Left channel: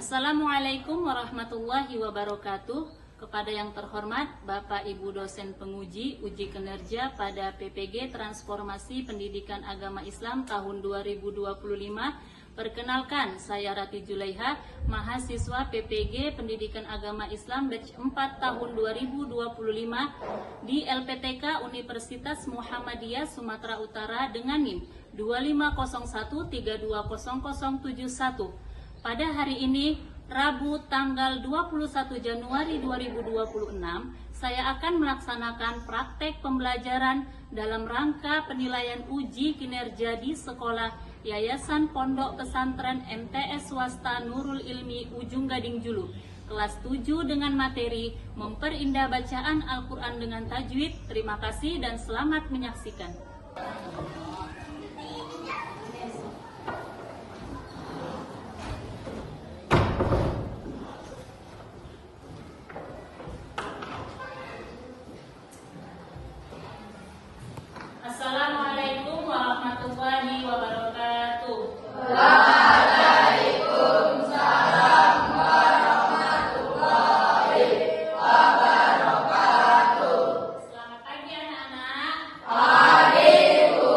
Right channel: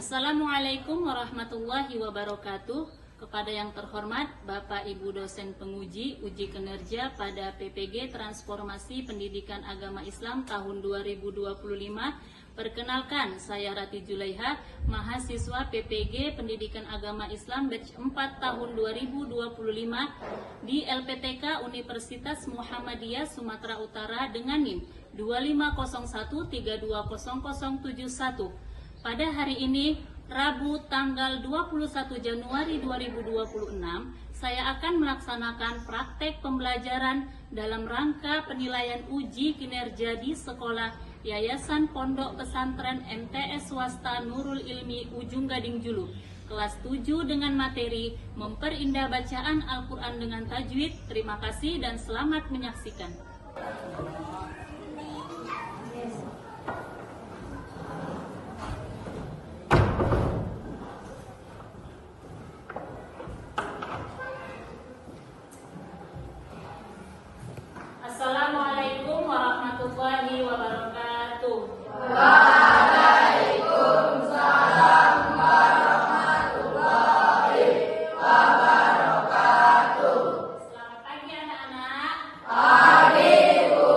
Assalamualaikum warahmatullahi wabarakatuh. Kepada yang terhormat Bapak Ibu dosen penguji uji kinerja pada PPG Transformasi Pendidikan Agama Islam tahun 2025. Perkenalkan, saya Rati Julaiha, mahasiswa PPG Pendidikan Agama Islam batch 4 tahun 2025 di LPTK Universitas Muhammadiyah Sumatera Utara dengan NIM 2501320071. Pada hari ini, Rabu tanggal 21 Januari 2026, saya akan melaksanakan praktek pembelajaran dalam rangka penilaian uji kinerja di sekolah Yayasan Pondok Pesantren MTS Swasta Nurul Ilmi Ujung Gading Julu, kelas 7 dengan materi memperindah bacaan Al-Quran dengan tajwid. Terima kasih dan selamat menyaksikan. Assalamualaikum warahmatullahi wabarakatuh. Waalaikumsalam warahmatullahi wabarakatuh. Selamat pagi anak-anak. Pagi, Bu.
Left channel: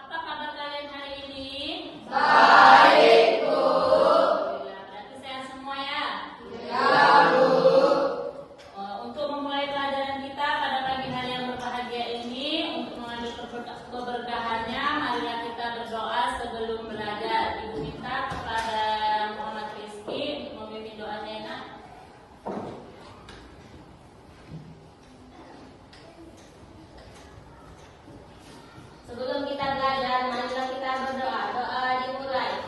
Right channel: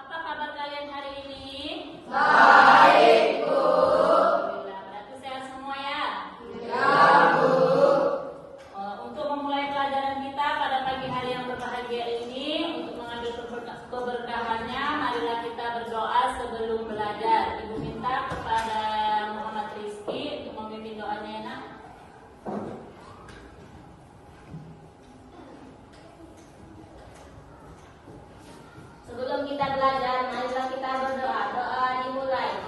Apa kabar kalian hari ini? Baik, Bu. Alhamdulillah, berarti sehat semua ya? Ya, Bu. Untuk memulai pelajaran kita pada pagi hari yang berbahagia ini, untuk mengambil keberkahannya, marilah kita berdoa sebelum belajar. Ibu minta kepada Muhammad Rizky untuk memimpin doanya ya, Nak. Sebelum kita belajar, marilah kita berdoa. Doa dimulai.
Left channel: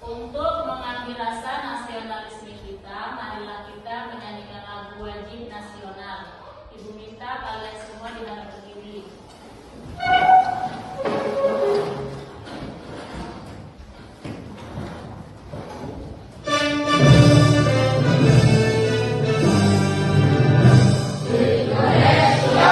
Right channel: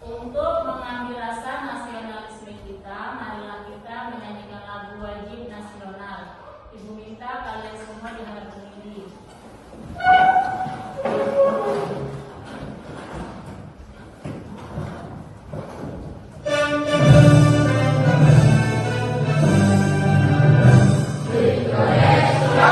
Untuk mengambil rasa nasionalisme kita, marilah kita menyanyikan lagu wajib nasional. Ibu minta kalian semua dengan berdiri. Indonesia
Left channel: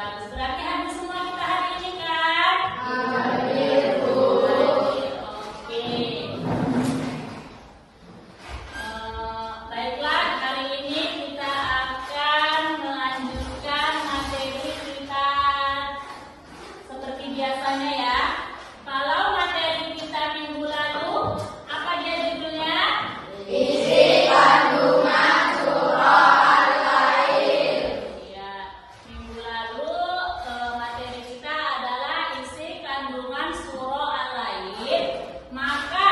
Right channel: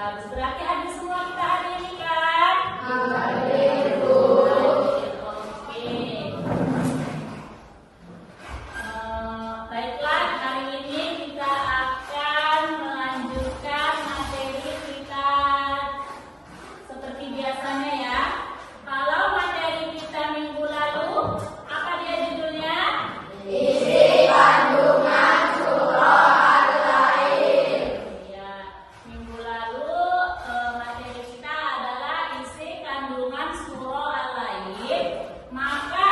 Bagus. Berarti habis semua kita hari ini kan? Hadir, Bu. Oke. Baiklah, hari ini kita akan melanjutkan materi kita seperti biasanya ya. Kalau materi kita minggu lalu, apa dia judulnya? Isi kandungan surah Al-Lail. Ya, minggu lalu materi kita adalah isi kandungan surah Al-Lail. Maka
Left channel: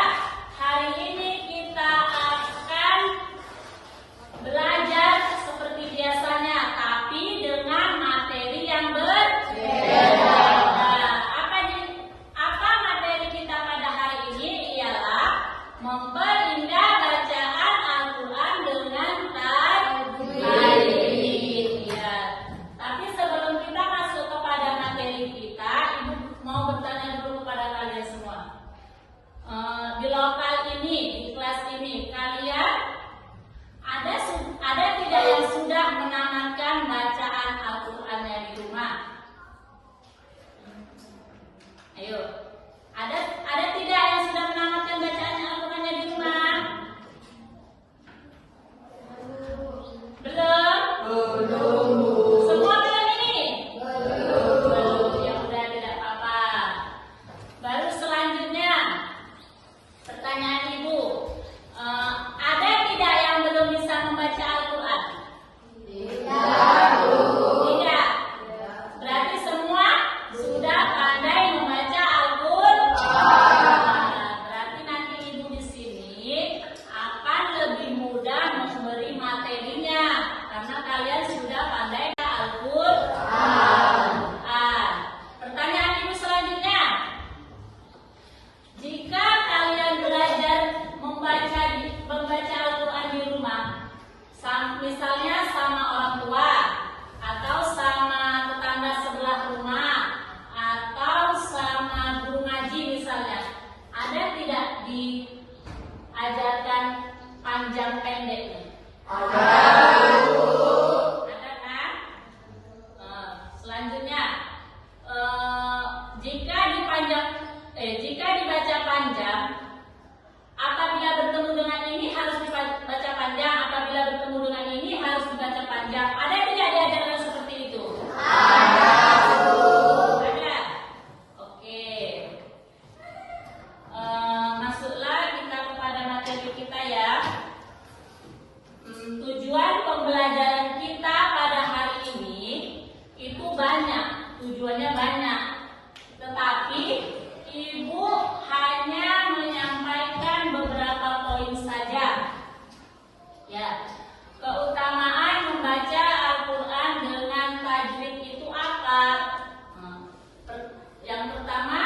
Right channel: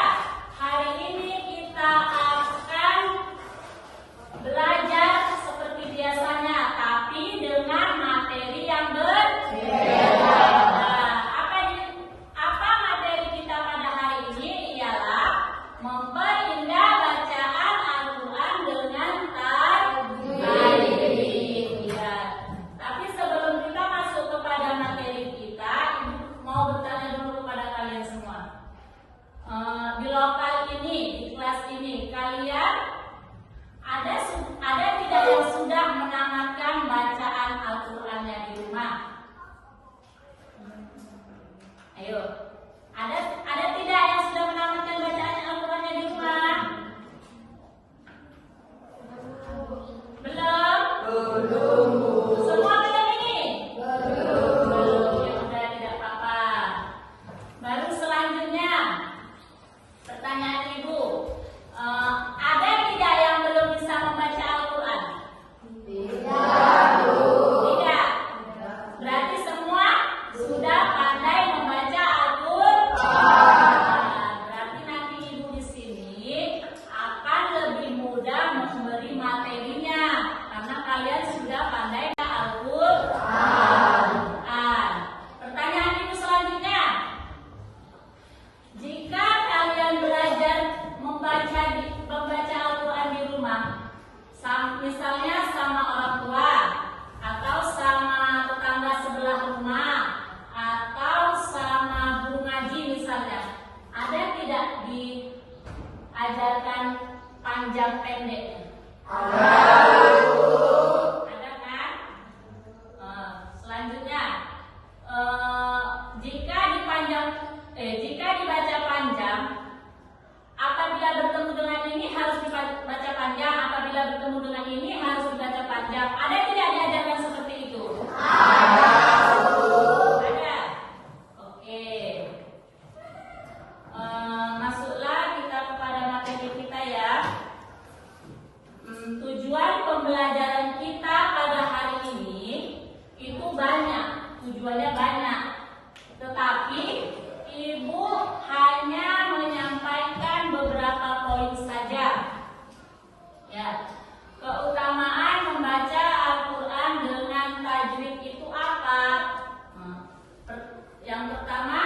hari ini kita akan belajar seperti biasanya, tapi dengan materi yang berbeda. Apa materi kita pada hari ini ialah memperindah bacaan Al-Quran dengan tajwid. Ya. Tapi sebelum kita masuk kepada materi kita, Ibu mau bertanya dulu kepada kalian semua. Di lokal ini, di kelas ini, kalian ada tidak yang sudah menamatkan bacaan Al-Qurannya di rumah? Ayo, ada tidak yang sudah menamatkan bacaan Al-Qurannya di rumah? Belum? Semua belum ini? Belum. Ya sudah, tidak apa-apa. Baru selanjutnya, pertanyaan Ibu, ada tidak yang belum bisa membaca Al-Quran? Tidak. Berarti semua sudah pandai membaca Al-Quran. Berarti nanti Ibu di sini akan lebih mudah memberi materinya karena kalian sudah pandai Al-Quran. Pertanyaan Ibu selanjutnya, jika kalian belajar membaca Al-Quran di rumah, misalnya sama orang tua atau sama tetangga sebelah rumah atau sama guru ngaji misalnya, ada tidak diajarkan panjang pendeknya? Ada kan? Selanjutnya, jika dibaca panjang, apabila bertemu dengan ini harus dibaca panjang, apabila bertemu dengan ini harus dibaca panjang. Ada tidak diajarkan seperti itu? Ada. Oke. Masuklah kita kepada materi kita ya. Tujuan pembelajaran kita pada hari ini itu banyak. Tujuannya banyak. Tetapi Ibu hanya menyampaikan beberapa poin saja. Ya, keutamaan membaca Al-Quran dengan tajwid itu apa? Yang pertama,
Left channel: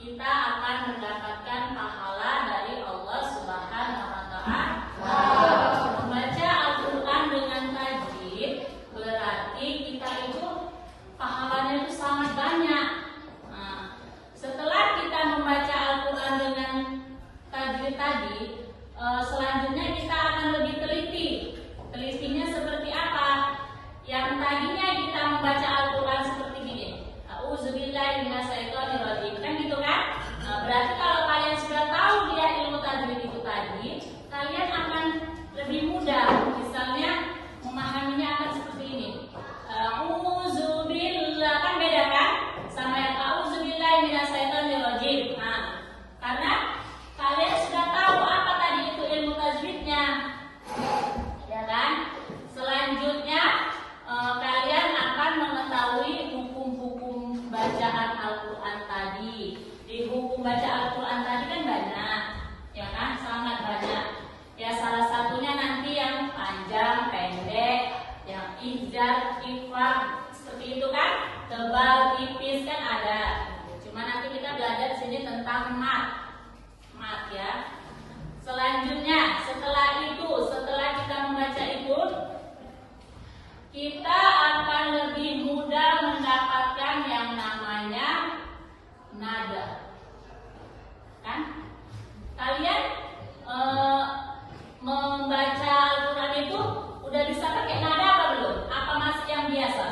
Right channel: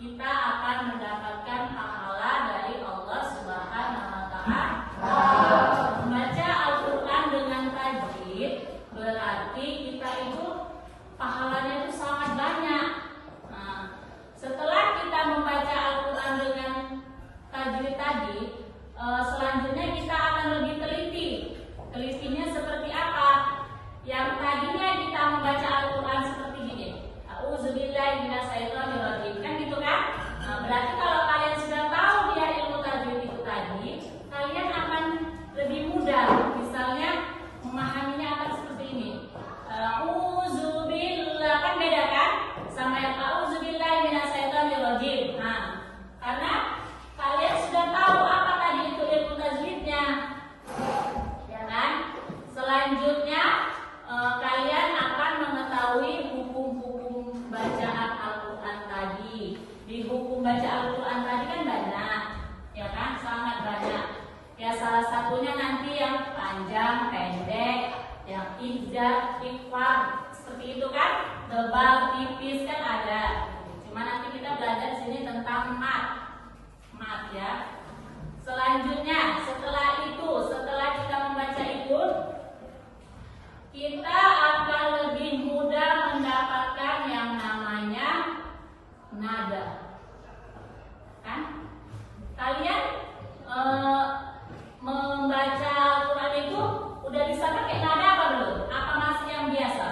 kita akan mendapatkan pahala dari Allah Subhanahu wa Ta'ala. Membaca Al-Quran dengan tajwid berarti kita itu pahalanya itu sangat banyak. Setelah kita membaca Al-Quran dengan tajwid tadi, selanjutnya kita akan lebih teliti. Telitinya seperti apa? Yang tadinya kita membaca Al-Quran seperti gini, A'udzubillahi minasyaitonirrajim, kan gitu kan? Berarti kalau kalian sudah tahu dia ilmu tajwid itu tadi, kalian akan lebih mudah. Misalnya memahaminya akan seperti ini. A'udzubillah, kan beda kan? Sama yang a'udzubillahi minasyaitonirrajim. Nah, karena kalian sudah tahu apa tadi itu ilmu tajwidnya, ya kan? Selanjutnya kalian akan mengetahui hukum-hukum bacaan Al-Quran tadi. Di hukum baca Al-Quran tadi kan banyak, ya kan? Sangat banyak. Ya salah satunya nanti yang panjang, pendek, yang ijaz, ikhfa, seperti itu kan? Tebal, tipis kan ada. Cuma nanti kita belajar di sini tentang mat ya. Selanjutnya, setelah kita membaca itu, kita akan lebih mudah mendapatkan yang namanya nada. Kan? Kalian membaca Al-Quran itu udah bisa pakai nada apa belum? Apa masih yang biasa?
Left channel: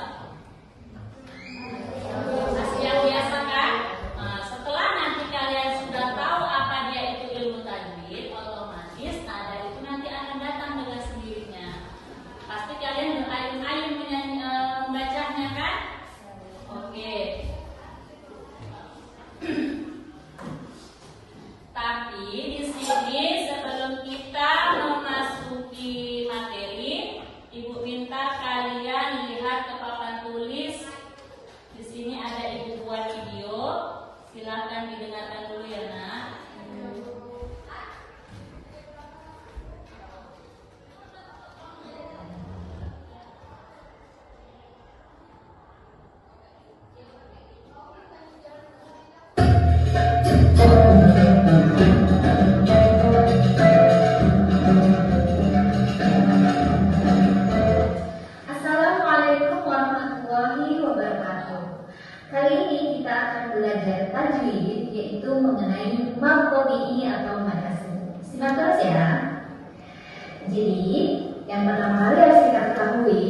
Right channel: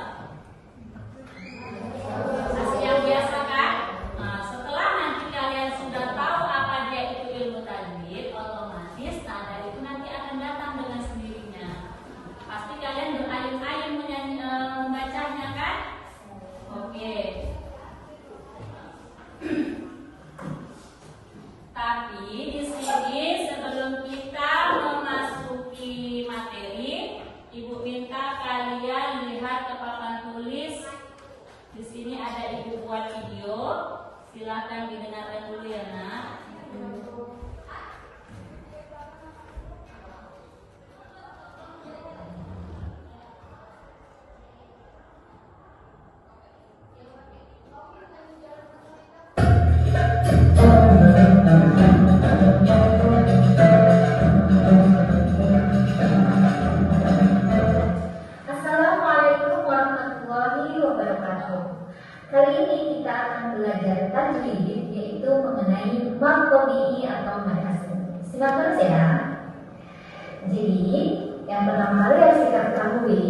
lihat ke papan tulis. Di sini ada ibu buat video. Silahkan didengarkan dulu ya nak. Assalamualaikum warahmatullahi wabarakatuh. Kali ini kita akan belajar tajwid, yaitu mengenai mad tabi'i atau mad asli. Simak terus ya. Jadi, yang pertama kali harus kita ketahui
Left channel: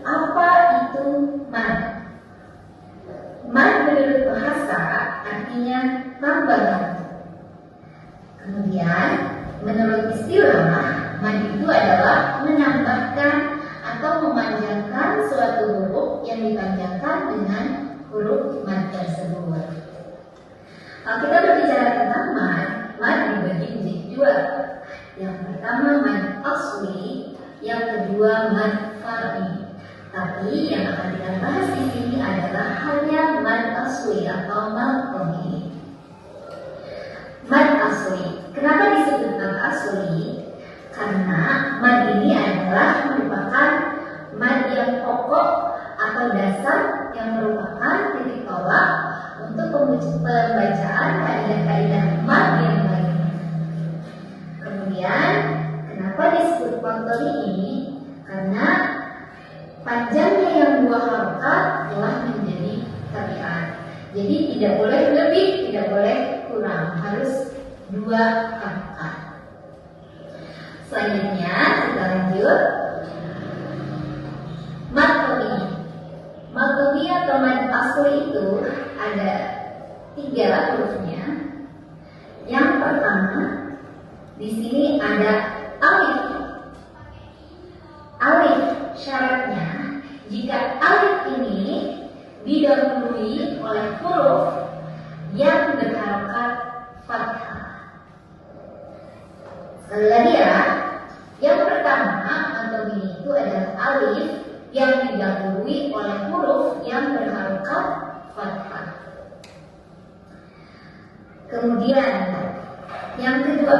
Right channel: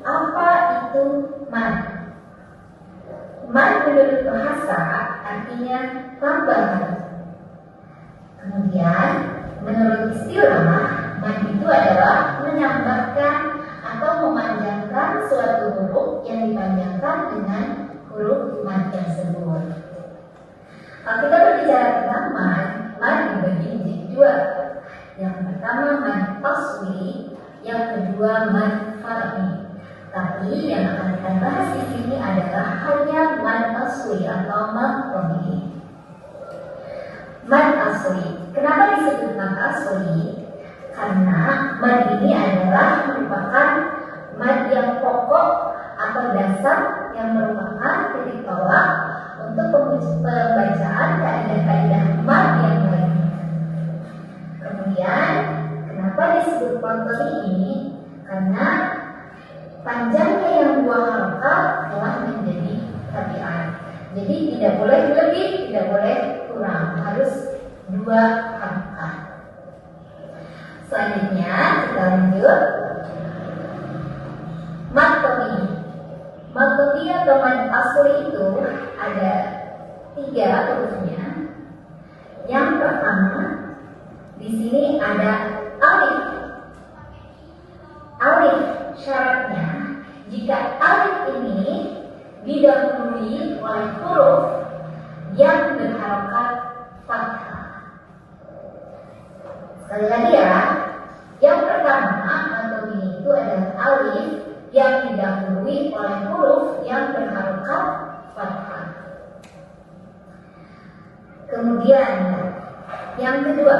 apa itu mad. Mad menurut bahasa artinya tambahan. Kemudian, menurut istilah, mad itu adalah menambahkan atau memanjangkan suatu huruf yang dipanjangkan dengan huruf mad tersebut. Kalau kita berbicara tentang mad dibagi menjadi dua. Yang pertama mad asli, yang kedua mad far'i. Tapi yang akan kita bahas di sini adalah hanya mad asli atau mad tabi'i. Mad asli. Kenapa disebut mad asli? Karena mad ini adalah merupakan mad yang pokok atau dasar yang merupakan titik tolak untuk pembacaan kaidah-kaidah mad yang lainnya. Kemudian, kenapa disebut mad tabi'i? Karena panjangnya yang dua harokat telah menjadi tabiat. Jadi tidak boleh lebih, tidak boleh kurang, harus dua harokat. Selanjutnya kita lanjut. Mad tabi'i. Mad tabi'i atau mad asli itu ada 3 hurufnya. Yang pertama di sini ada alif. Alif syaratnya jika alif ini didahului oleh huruf yang berharokat fathah. Sekali lagi ya, yang pertama mad tabi'i itu adalah alif yang didahului oleh huruf yang berharokat fathah. Kemudian yang kedua,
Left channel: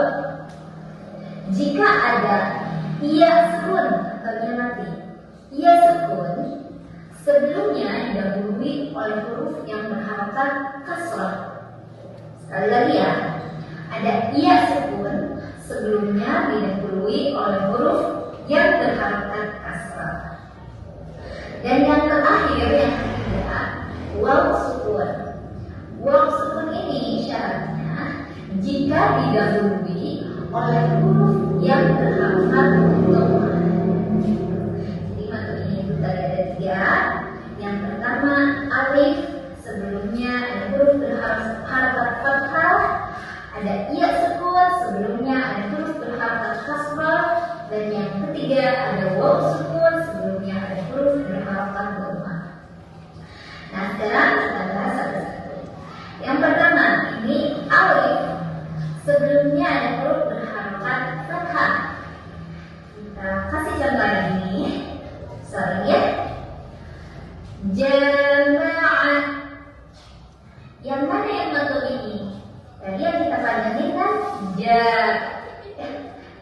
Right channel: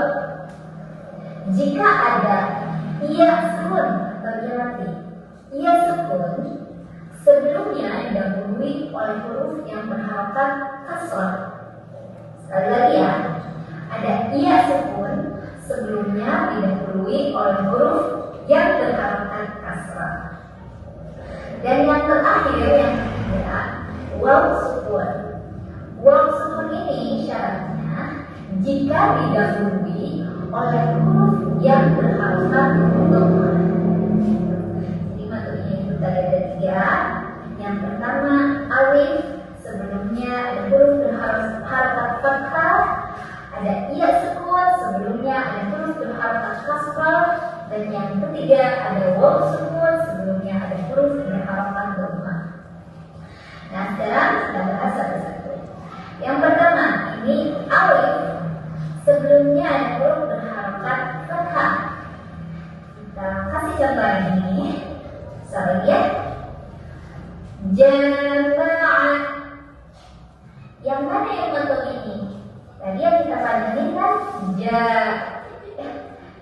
jika ada iya sukun atau iya mati, iya sukun sebelumnya didahului oleh huruf yang berharokat kasrah. Sekali lagi ya, ada iya sukun sebelumnya didahului oleh huruf yang berharokat kasrah. Dan yang terakhir, yang ketiga, waw sukun. Waw sukun ini syaratnya jika didahului oleh huruf yang berharokat dhammah. Jadi maksudnya itu tadi ada 3. Yang pertama alif, sebelumnya ada huruf berharokat fathah. Ada iya sukun, sebelumnya ada huruf berharokat kasrah. Dan yang ketiga ada waw sukun, sebelumnya ada huruf berharokat dhammah. Nah, sekarang kita bahas satu-satu. Yang pertama, ini alif, sebelumnya ada huruf berharokat fathah. Kita kasih contoh ini. Sorry ya. Jama'ah. Yang mana yang betul ini? Tadi yang kita panjangin kan ja.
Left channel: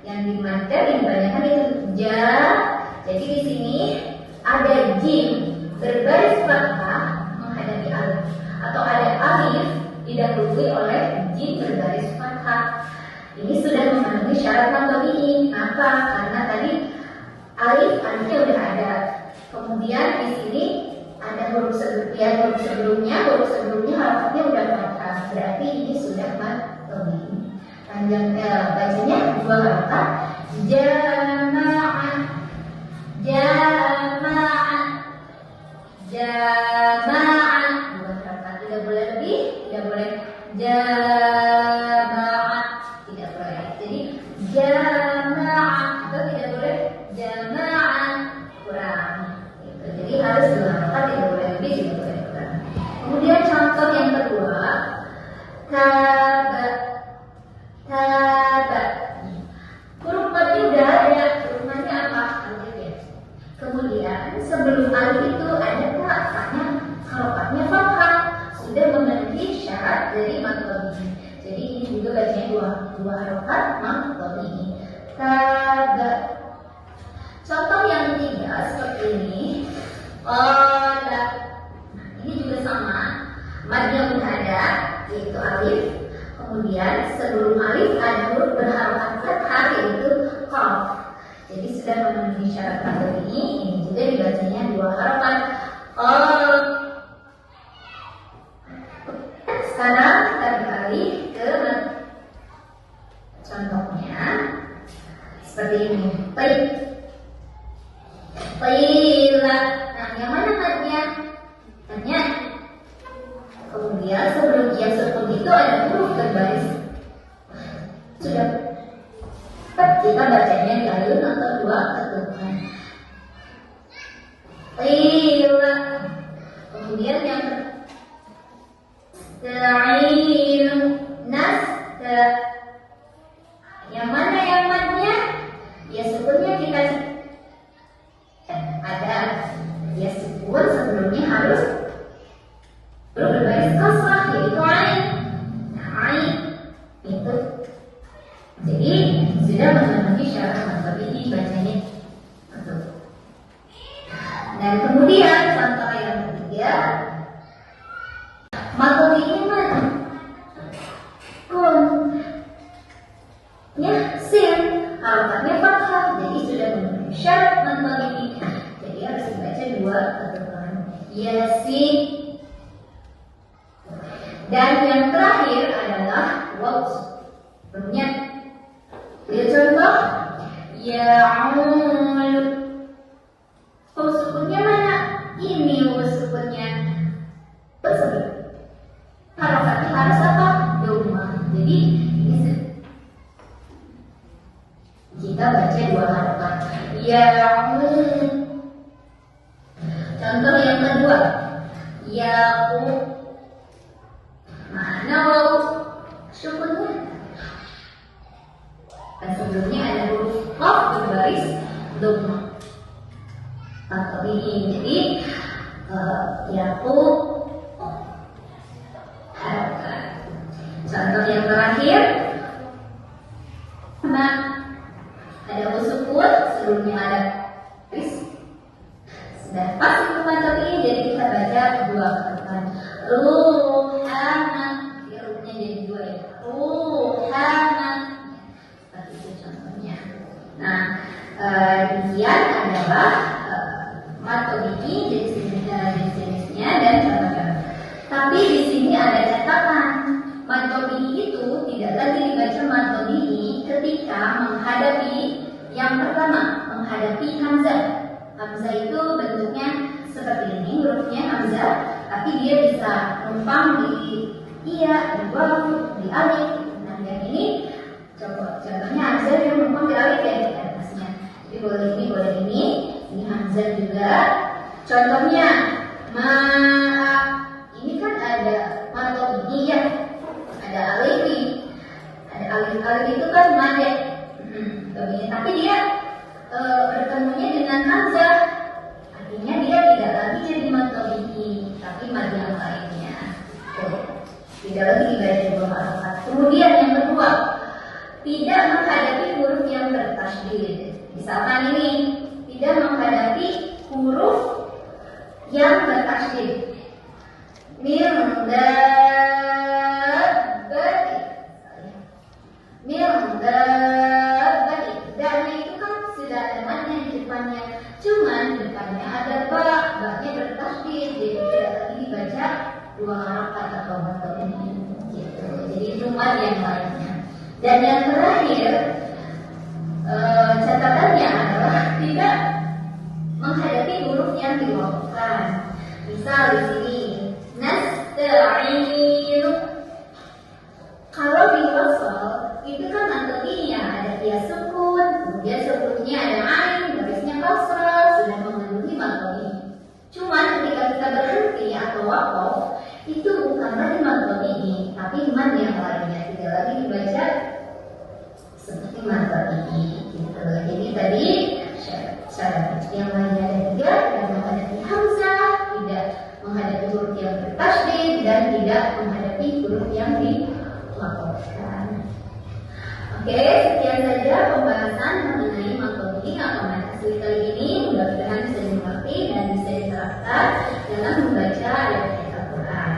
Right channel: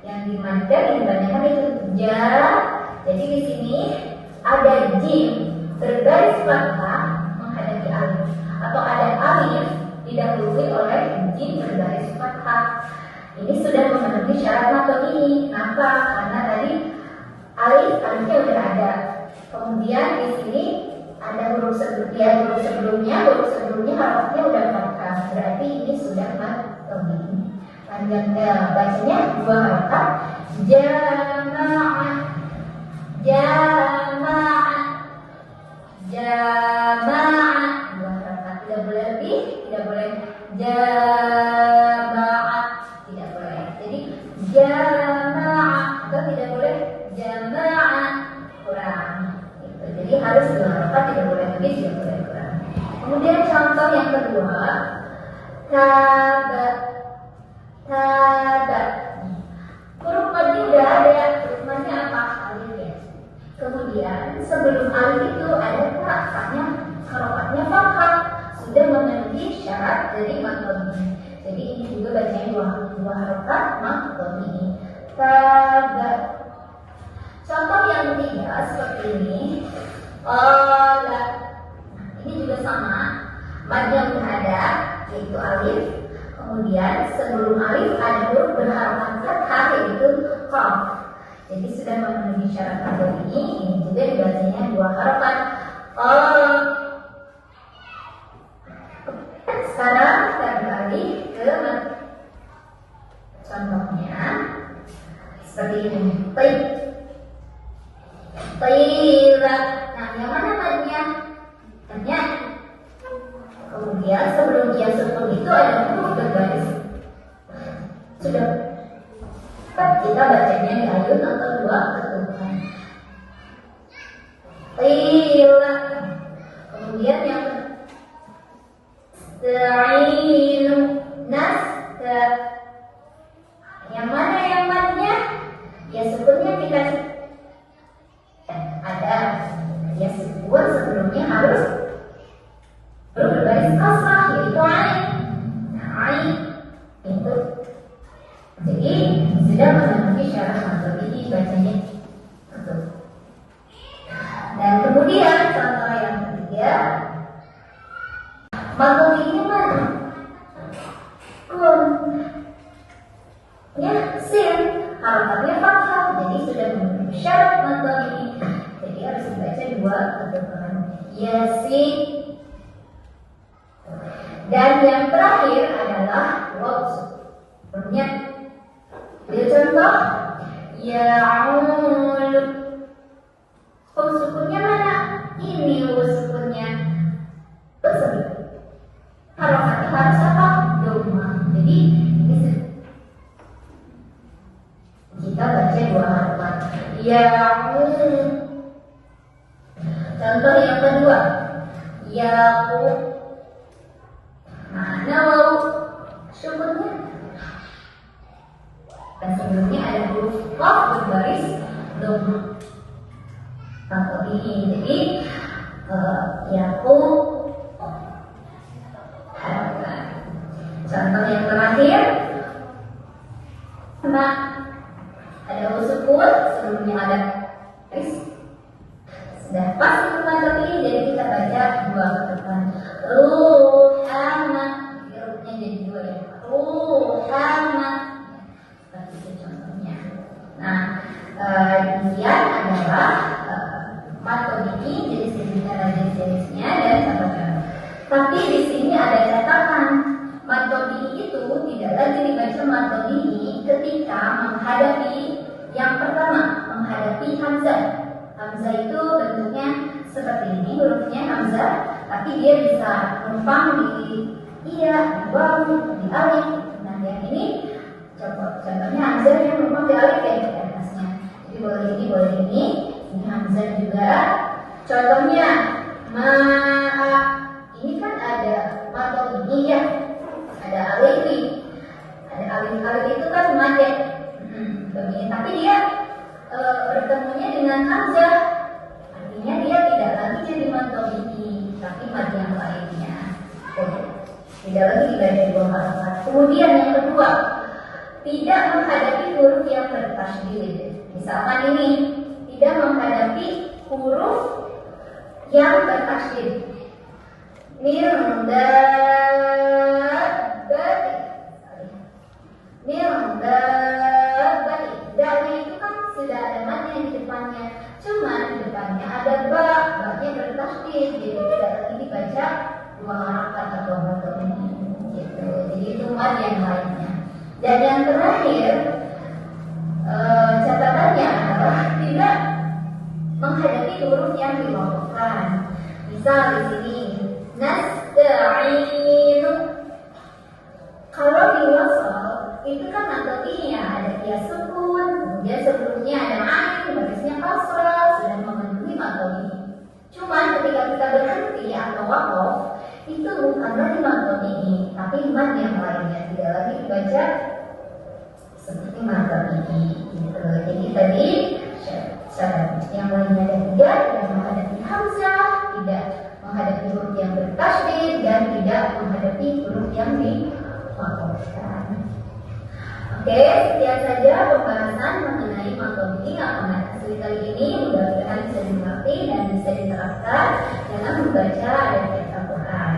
Yang dimadkan yang dibanyakan itu ja. Jadi di sini ada jim berbaris fathah menghadapi alif, atau ada alif didahului oleh jim berbaris fathah. Ini sudah memenuhi syarat mad tabi'i. Kenapa? Karena tadi alifnya udah ada. Kemudian di sini ada huruf sebelumnya harusnya udah fathah. Berarti ini sudah mad tabi'i. Panjangnya bacanya 2 harokat. Jama'ah, jama'ah, jama'ah. 2 harokat. Tidak boleh lebih, tidak boleh jama'ah, tidak boleh. Jadi jama'ah, atau tidak boleh jama'ah, kurang. Gitu. Jadi harus 2 harokat, tidak boleh lebih, tidak boleh kurang. Kemudian contoh yang kedua, taba. Taba. Huruf mad udah ada, huruf madnya apa? Alif ya. Kemudian sebelum alif itu ada harokatnya fathah, sudah memenuhi syarat dari mad tabi'i. Jadi ini juga bacanya dua harokat mad tabi'i. Contoh yang ketiga seperti ini. Qala. Ini juga sama. Madnya muhada yaitu alif. Kemudian sebelum alif ada huruf berharokat fathah yaitu qaf. Jadi sudah memenuhi syarat mad tabi'i. Ini juga dibacanya dua harokat. Sekarang kita beralih ke contohnya seperti ini. Qila. Nah, yang mana madnya? Madnya. Kemudian sebelum dia sukun itu ada huruf berbaris. Sudah. Kita bacanya di alif atau dua ketukan. Qila. Kemudian yang Ta'inu nasta. Yang mana yang madnya? Ya sukunnya kita ada ya sukun sebelumnya harus berbaris kasrah yaitu ain. Nah, ain itu jadi sudah memenuhi syarat mad tabi'i bacanya betul. Dan kemudian contoh yang ketiga, mad tabi'i mana? Kun. Ya, sin. Harokatnya fathah, jadi sudah memenuhi syarat mad tabi'i. Jadi harus dibaca dua ketukan. Yasin. Dan yang terakhir adalah waw. Punya. Lihat contoh. Ya'ulu. Waw sukunnya mana? Ini waw sukunnya. Tersebut. Harokatnya harus apa? Doma. Jadi kita baca dua harokat. Ya'ulu. Contoh yang kedua. Ya'u. Mana waw sukunnya? Dan sebelumnya ada huruf qaf berbaris doma. Contoh ini jadi ya'u. Contoh yang terakhir, nah, ada sukun, sebelumnya ada baris. Sudah pas hukuman tabi'i, jadi kita baca dua ketukan. Ruhana, hurufnya jadi dua ya. Ruhana, seperti itu contohnya. Nah, demikian adalah mad tabi'i, jadi sebenarnya jenis-jenisnya dan cara-cara. Tapi di sini ada catatan. Mad tabi'i itu tidak lagi dibaca mad tabi'i ketika menghadapi yang pertama, menghadapi hamzah. Hamzah itu bentuknya seperti ini, hurufnya hamzah, tapi dia bisa numpang di iya, di waw, di alif. Nah, yang ini contohnya hamzah yang numpang di alif ya di atasnya. Jadi boleh ini hamzah juga. Contohnya ini kan ada mad tabi'i ya. Ada alif itu kan mad. Tapi dia bertemunya dengan hamzah, artinya dia tidak lagi jadi mad tabi'i, tapi mad yang lainnya. Tidak lagi dibaca dua harokat. Kemudian yang kedua, tidak menghadapi huruf yang bertasydid. Misalkan ini tidak menghadapi huruf yang bertasydid. Dari itu kan sudah ada madnya di depannya, cuman di depannya ada ba-nya bertasydid, jadi tidak lagi dibaca dua harokat atau ini gitu. Jadi itu mad yang lainnya. Dan yang terakhir catatannya adalah tidak menghadapi huruf yang diwakafkan. Misal di sini nasta'inu. Kalau di wasal itu kan artinya ada dia sukun, kemudian sebelumnya ada ain, barisnya kasrah, sudah memenuhi mad tabi'i. Cuman ketika kita berhenti atau wakaf, itu bukan lagi mad tabi'i, tapi mad yang lainnya, tidak lagi dibaca seperti mad tabi'i gitu. Jadi tadi syarat. Yang lainnya ada 3, tidak menghadapi hamzah, tidak menghadapi huruf yang bertasydid, dan tidak menghadapi huruf yang dimaqamkan. Oke, sekian saja pembahasan mengenai makromi atau asli kali ini. Mudah-mudahan bisa dimengerti dan bisa diterapkan dengan membaca ayat-ayat Al-Quran.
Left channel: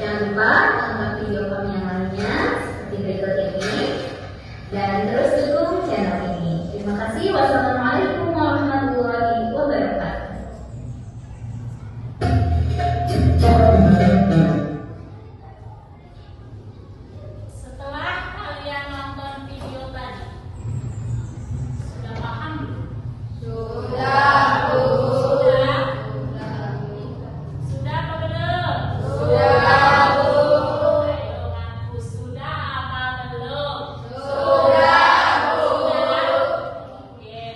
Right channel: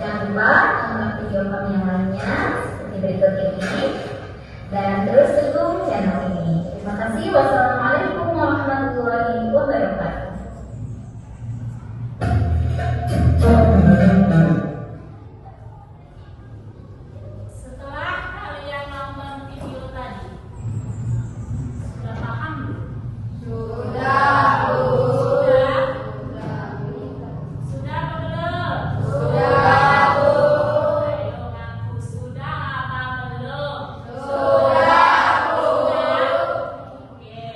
Jangan lupa tonton video kami yang lainnya seperti berikut ini dan terus dukung channel ini. Terima kasih. Wassalamualaikum warahmatullahi wabarakatuh. Setelah kalian nonton video tadi, sudah paham? Sudah, Bu. Sudah apa belum? Sudah, Bu. Ayo ngaku sudah apa belum? Sudah, Bu. Oke.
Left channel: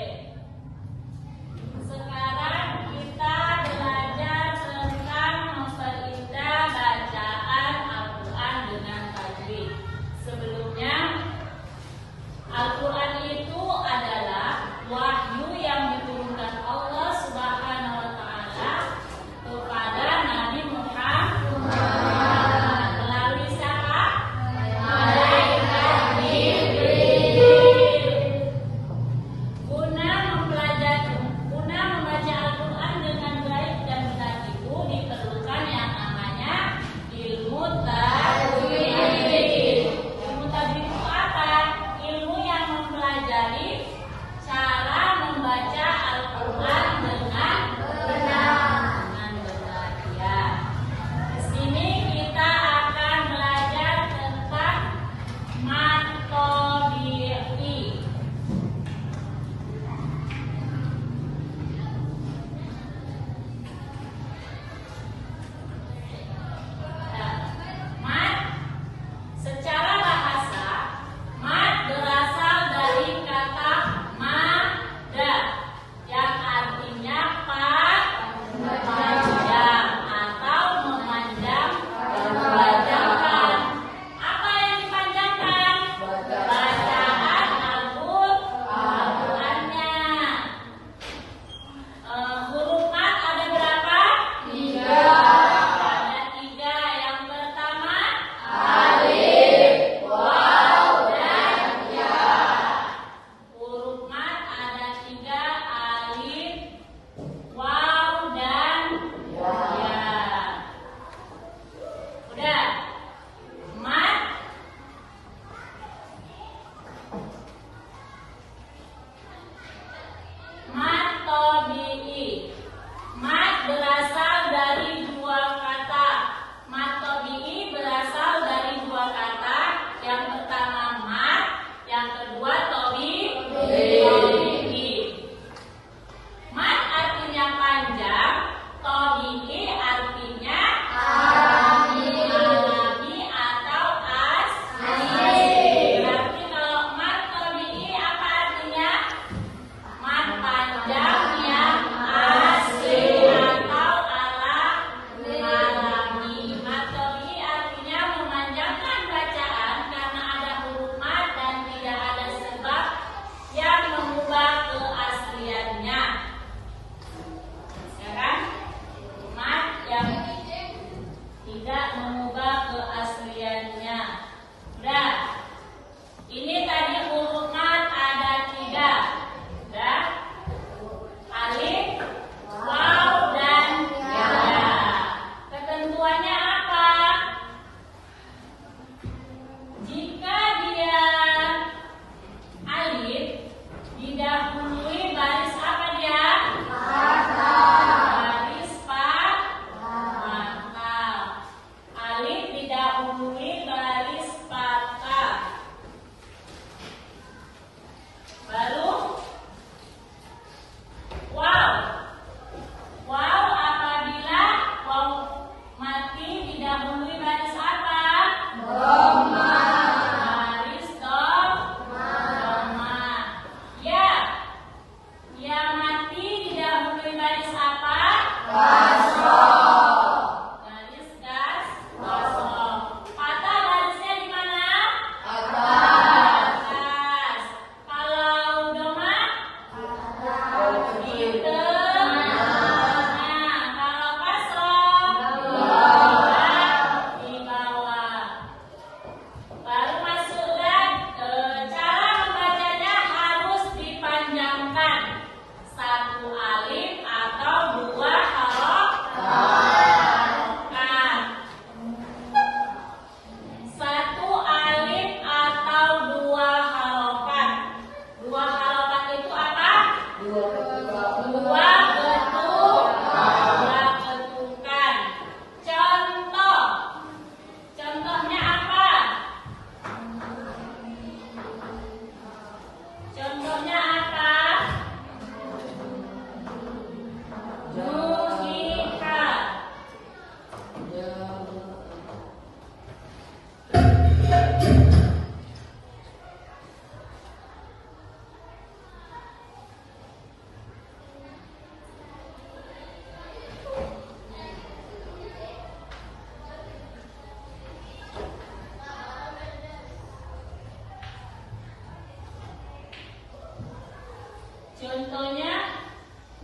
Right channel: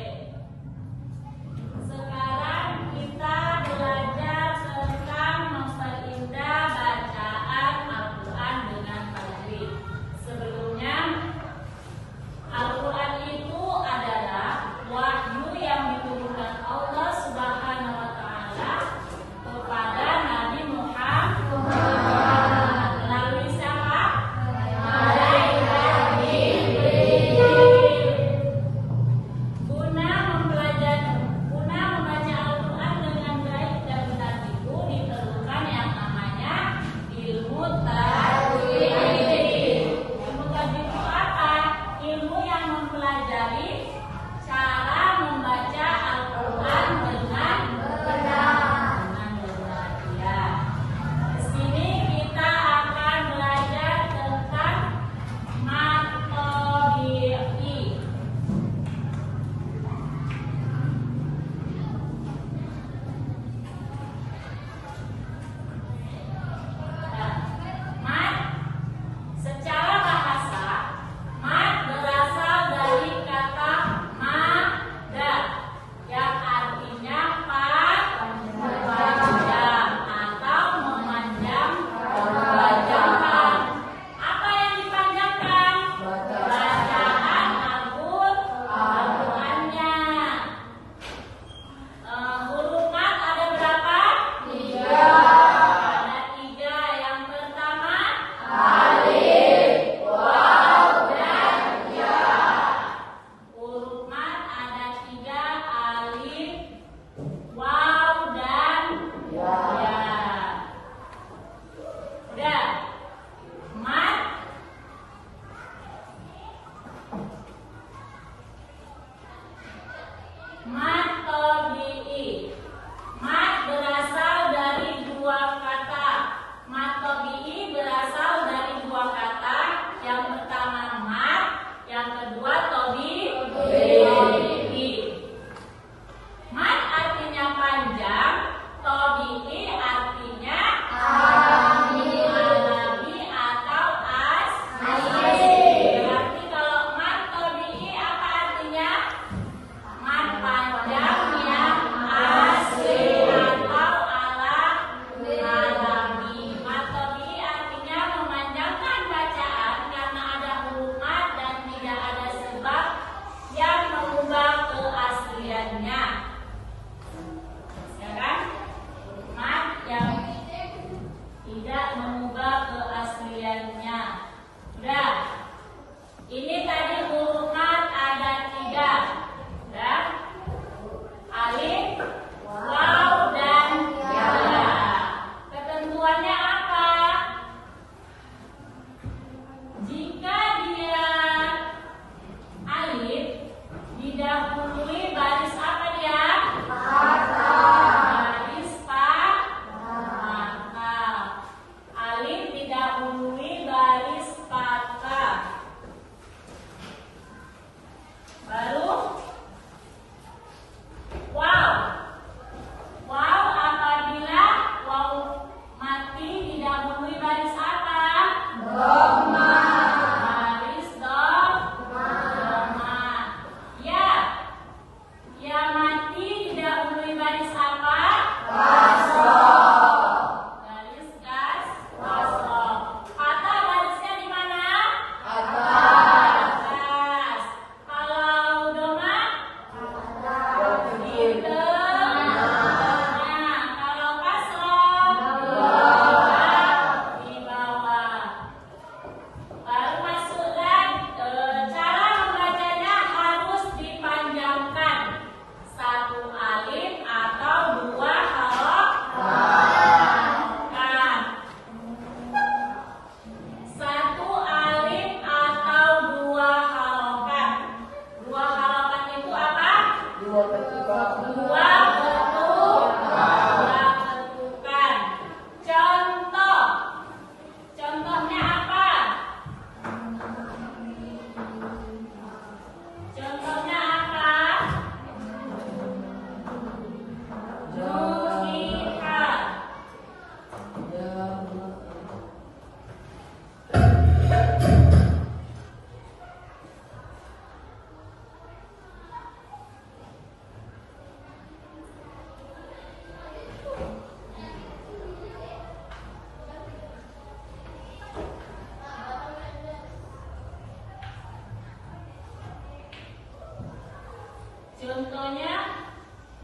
Contohnya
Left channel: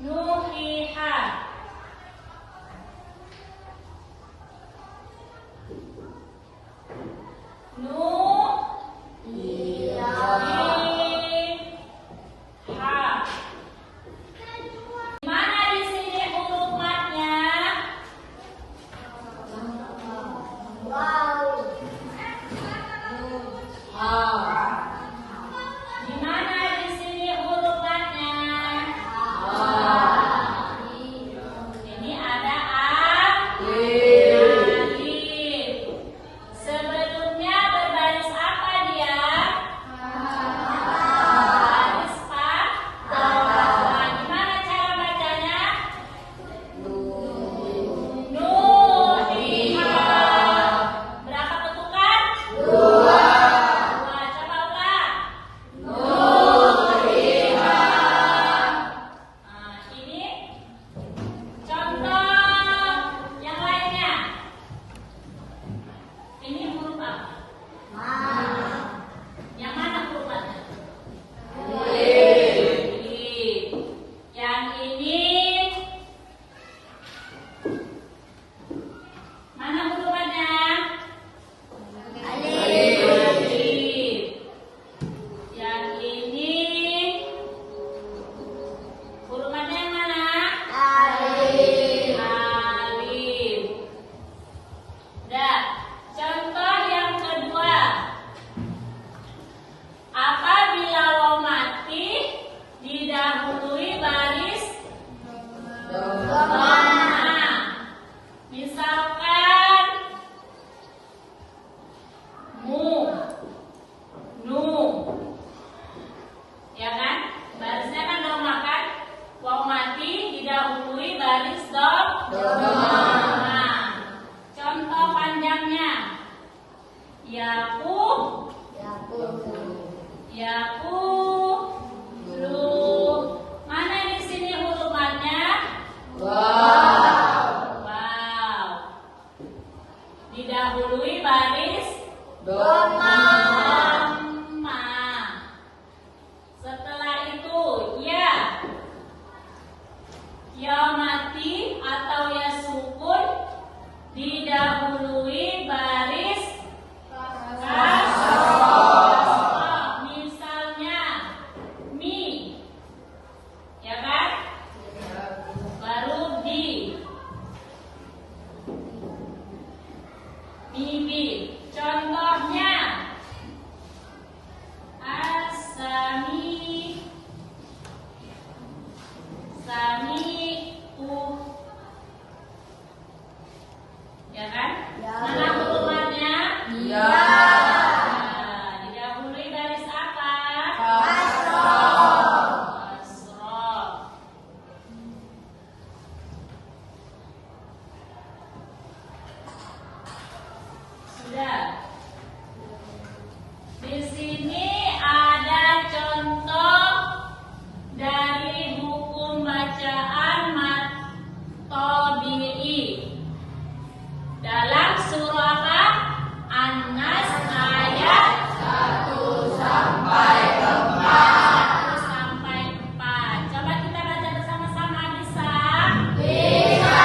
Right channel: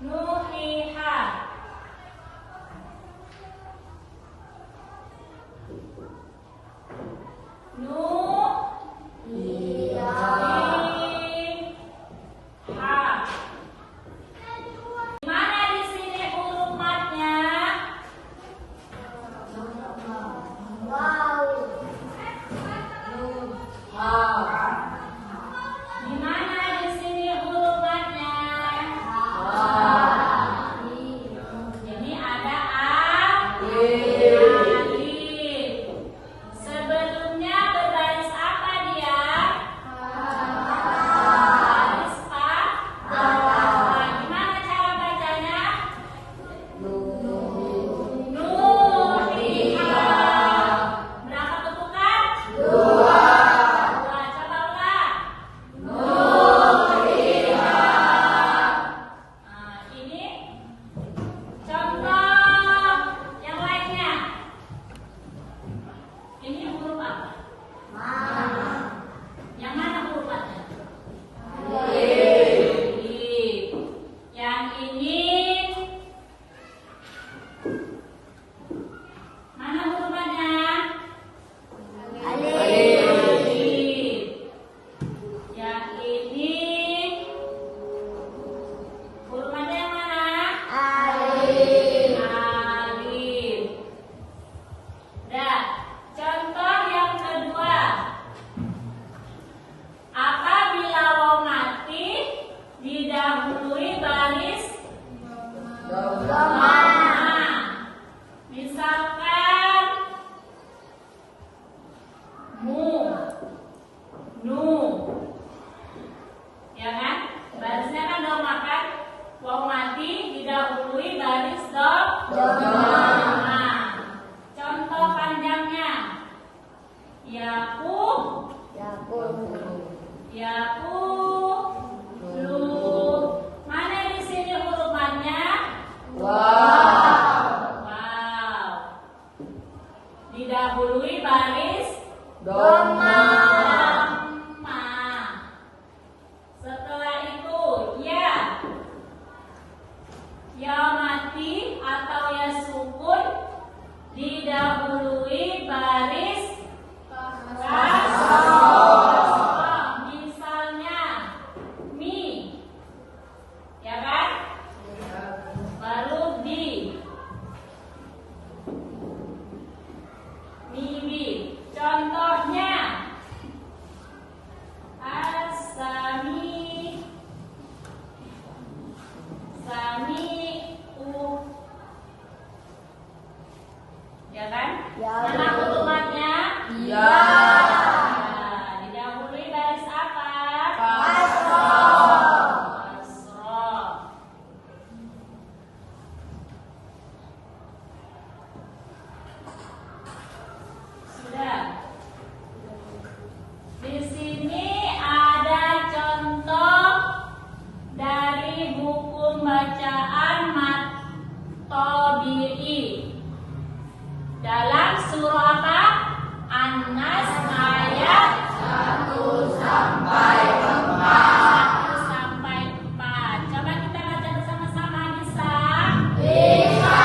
nuhiha. Mana di sini huruf matnya? Di mana di sini huruf matnya? Ini ada alif. Sebelumnya berbaris apa dia? Baris fathah. Gimana cara bacanya? Nuhiha. Berapa ketukan? Dua. Coba ulang. Nah, ini contoh yang lainnya. Ini huruf apa? Yang mana hurufnya? Alif. Yang ini mana hurufnya? Alif. Yang ini hurufnya yang mana? Alif. Dah. Contoh yang kedua. Apabila waw mati didahului baris dhamma. Misalkan mu, nu, ya kan? Barisnya kan dhamma kan? Waw mati didahului baris dhamma. Contoh panjangnya. Yaqulu. Mana di sini huruf matnya? Wow. Didahului baris dhamma. Setelah itu ya mati atau ya sukun didahului baris kasroh. Misalnya mi, ya kan? Baru di, mimi. Contohnya asami, sami'u, ya kan? Mana hukumannya? Didahului garis apa? Kasroh. Sudah. Di sini ada contoh dari buku bacaan At-Tabi'i dalam surah apa? An-Nas ayat 1 sampai 4. Coba kita baca bersama-sama, bisa? Ayo.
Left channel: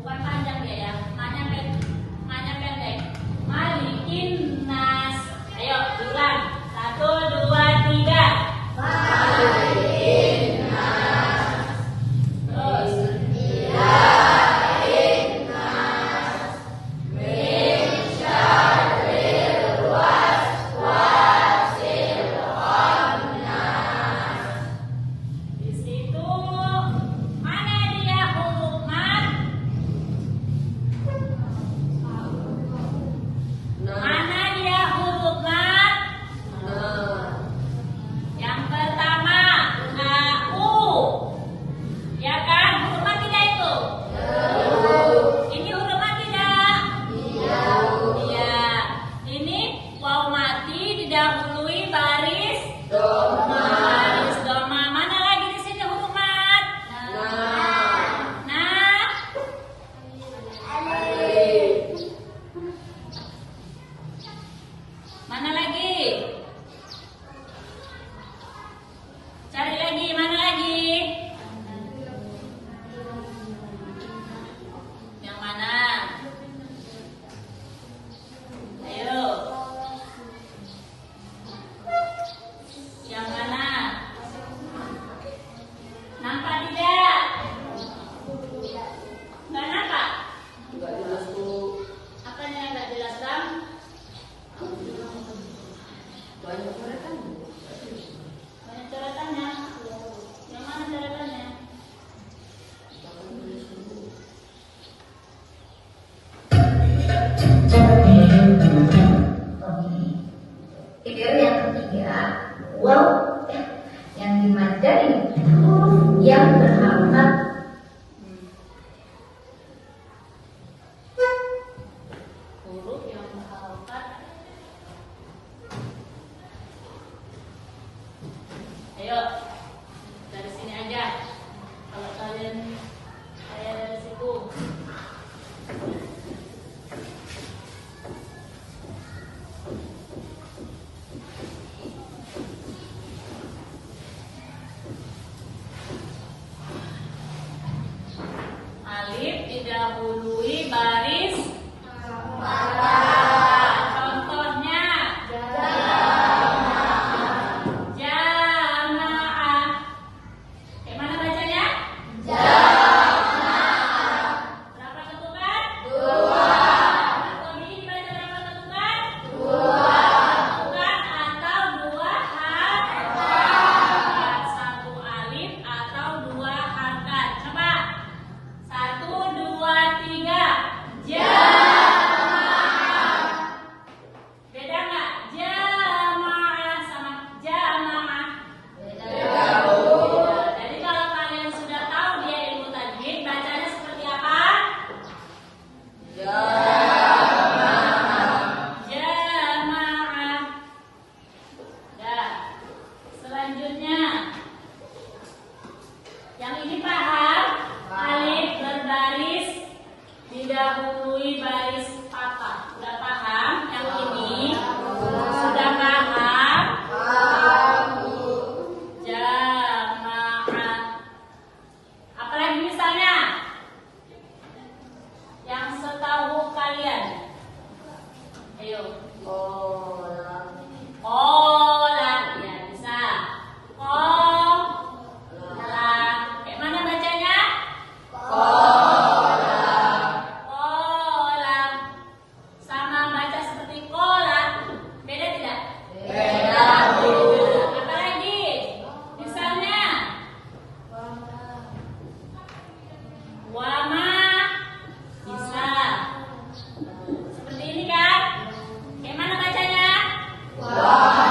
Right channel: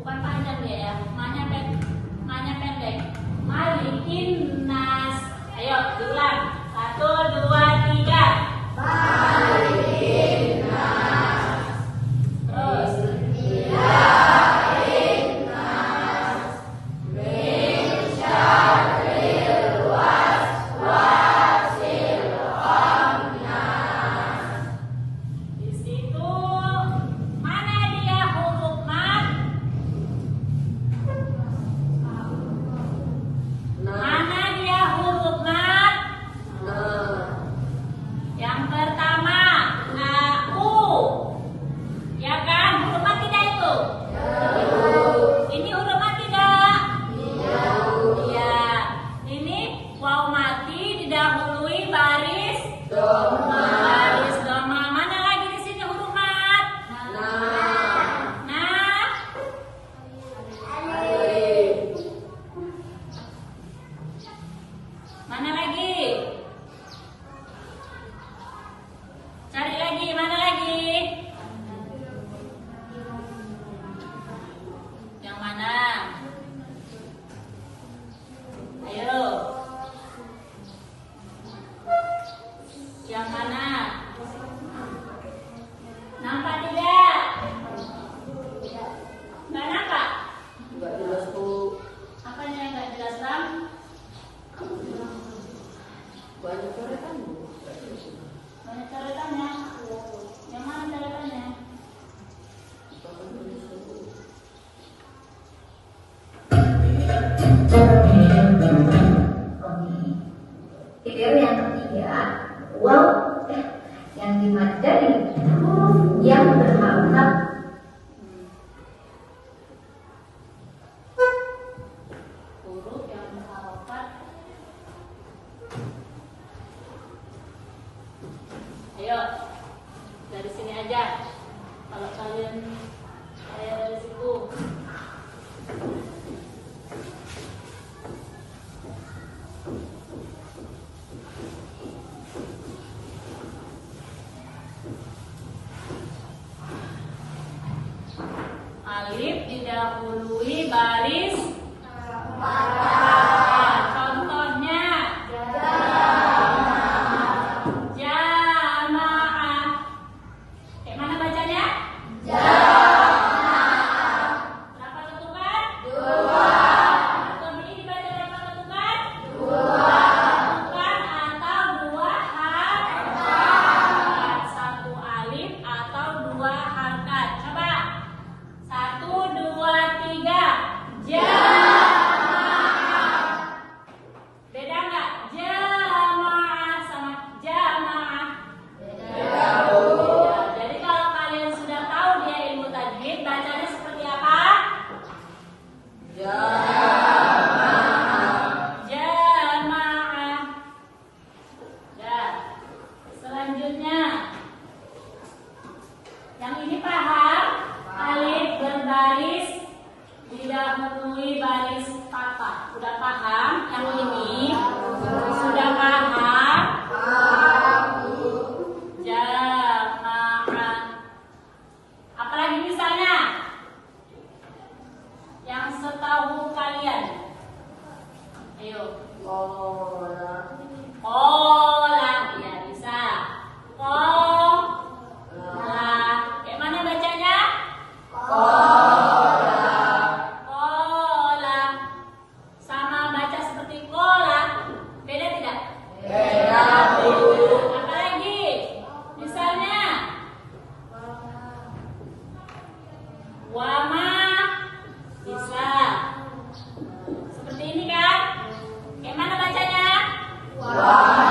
Bukan panjang ya. Manya pendek. Malikin nas. Ayo ulang. 1, 2, 3. Malikin nas. Terus. Ilahin nas. Min syarril waswasil khannas. Di situ mana dia huruf mat? Mana Baris doma. Mana lagi di sini huruf mat? Nah. Mana lagi? Cari lagi, mana lagi? Yang mana? Ayo. Yang mana? Nampak tidak? Nggak nampak? Apa yang nggak jelas, Ram? Banyak coretannya. Yang mana coretannya? Tiga yang ketiga, wow, yang dimana dari huruf yang berharokat. Huruf yang berharokat. Ayo, dari sini aja. Kalau kalian saya dari situ. Alif didahului baris. Contohnya jamaah. Kayak mana bacanya? Berapa ketukan? 2. Atau ini dibaca berapa ketukan? 2. Ketukan atau 2 harkat. 1 alif atau 2 harkat. Coba. 1, 2, 3. Jamaah. Beda nggak? Jamaah sama jamaah. Beda. Jadi kalau kalian sudah tahu dia ilmu tajwid, bacanya seperti apa? Jamaah. Dah. Selanjutnya, yang ini paham? Alif berbaris didahului baris patah. Sudah paham? Yang ini sudah paham? Jamaah. Apalagi misalnya yang setahu kalian. Ayo. Olah, tidak bisa. Olah. Kayak mana bacanya? Kola. Sama baca seperti kola. Beda tidak? Beda. Apa lagi? Misalnya wama. Bisa. Seperti ini kan? Yang mana bacanya? Wama.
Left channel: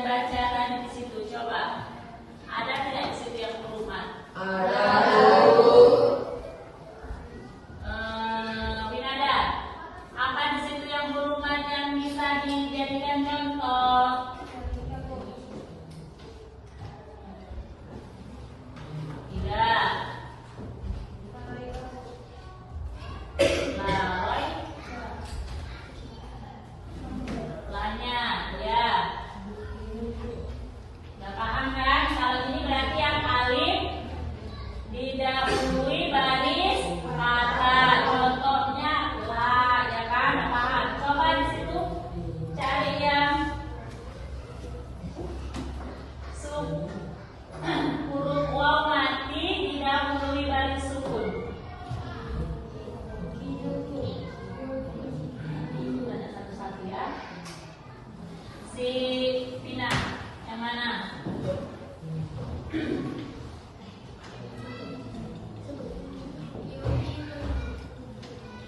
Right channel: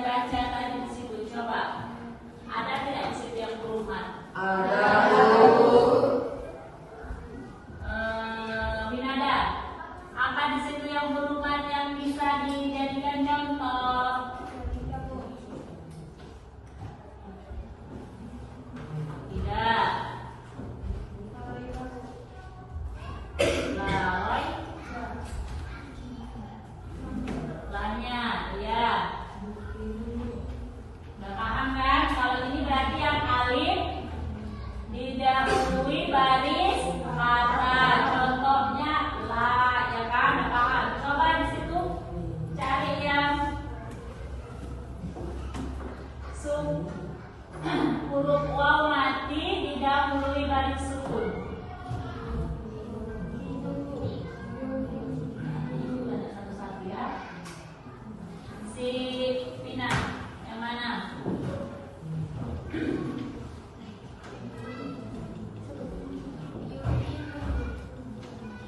kalian baca tadi di situ? Coba. Ada tidak di situ yang huruf mat? Ada. Winada, apa di situ yang huruf mat yang bisa dijadikan contoh? Tidak. Lawai. Lanya, ya. Udah paham kan? Kalau ini berarti yang alif didahului baris kata. Contohnya la, ya kan? Paham? Coba di situ cari yang huruf waw mati didahului baris sukun. Ada satu-satu ya. Si Pina, yang mana?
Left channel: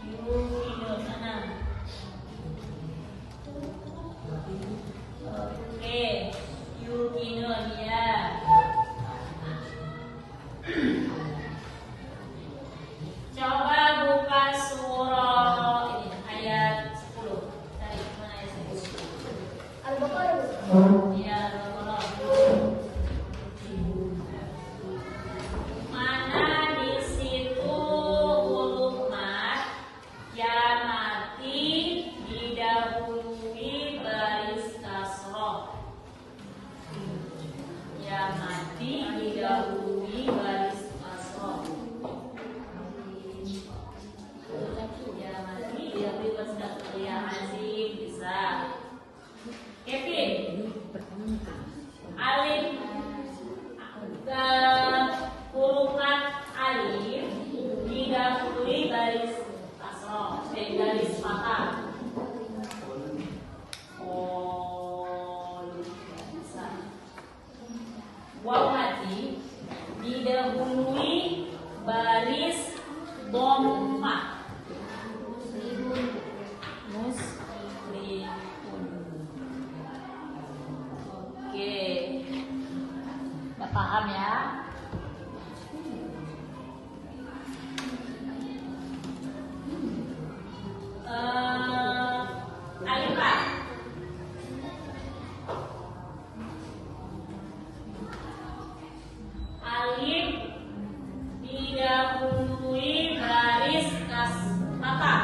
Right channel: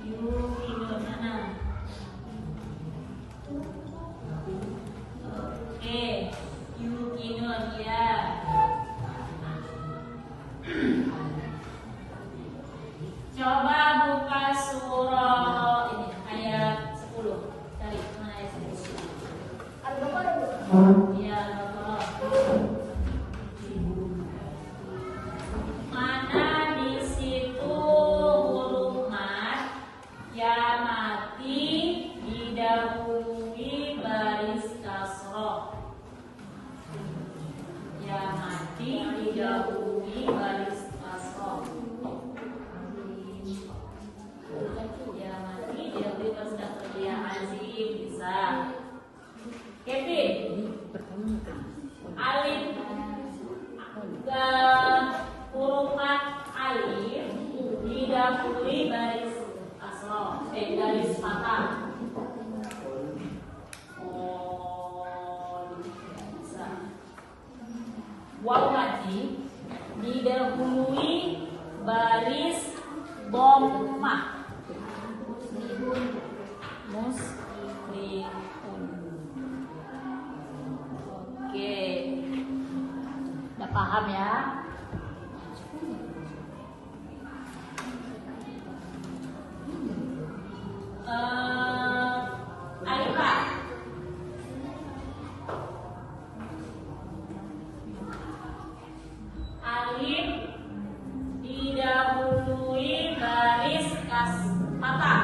Ibu Ino sana. Oke, Yukino dia. Coba buka surah ini ayat 10. Cari mana ayat 10? Iya, Al-Baqarah. Mana di situ huruf mat yang mati didahului baris kasroh? Yang mati didahului baris kasroh. Ya mati didahului baris kasroh. Ya azim bisa. Kevin, alif ke huruf mat alif didahului baris kasroh, garis fathah. Bisa. Waw mati didahului baris dhammah. Muslimun. Oke. Udah paham ya? Alifah. Alif didahului baris fathah.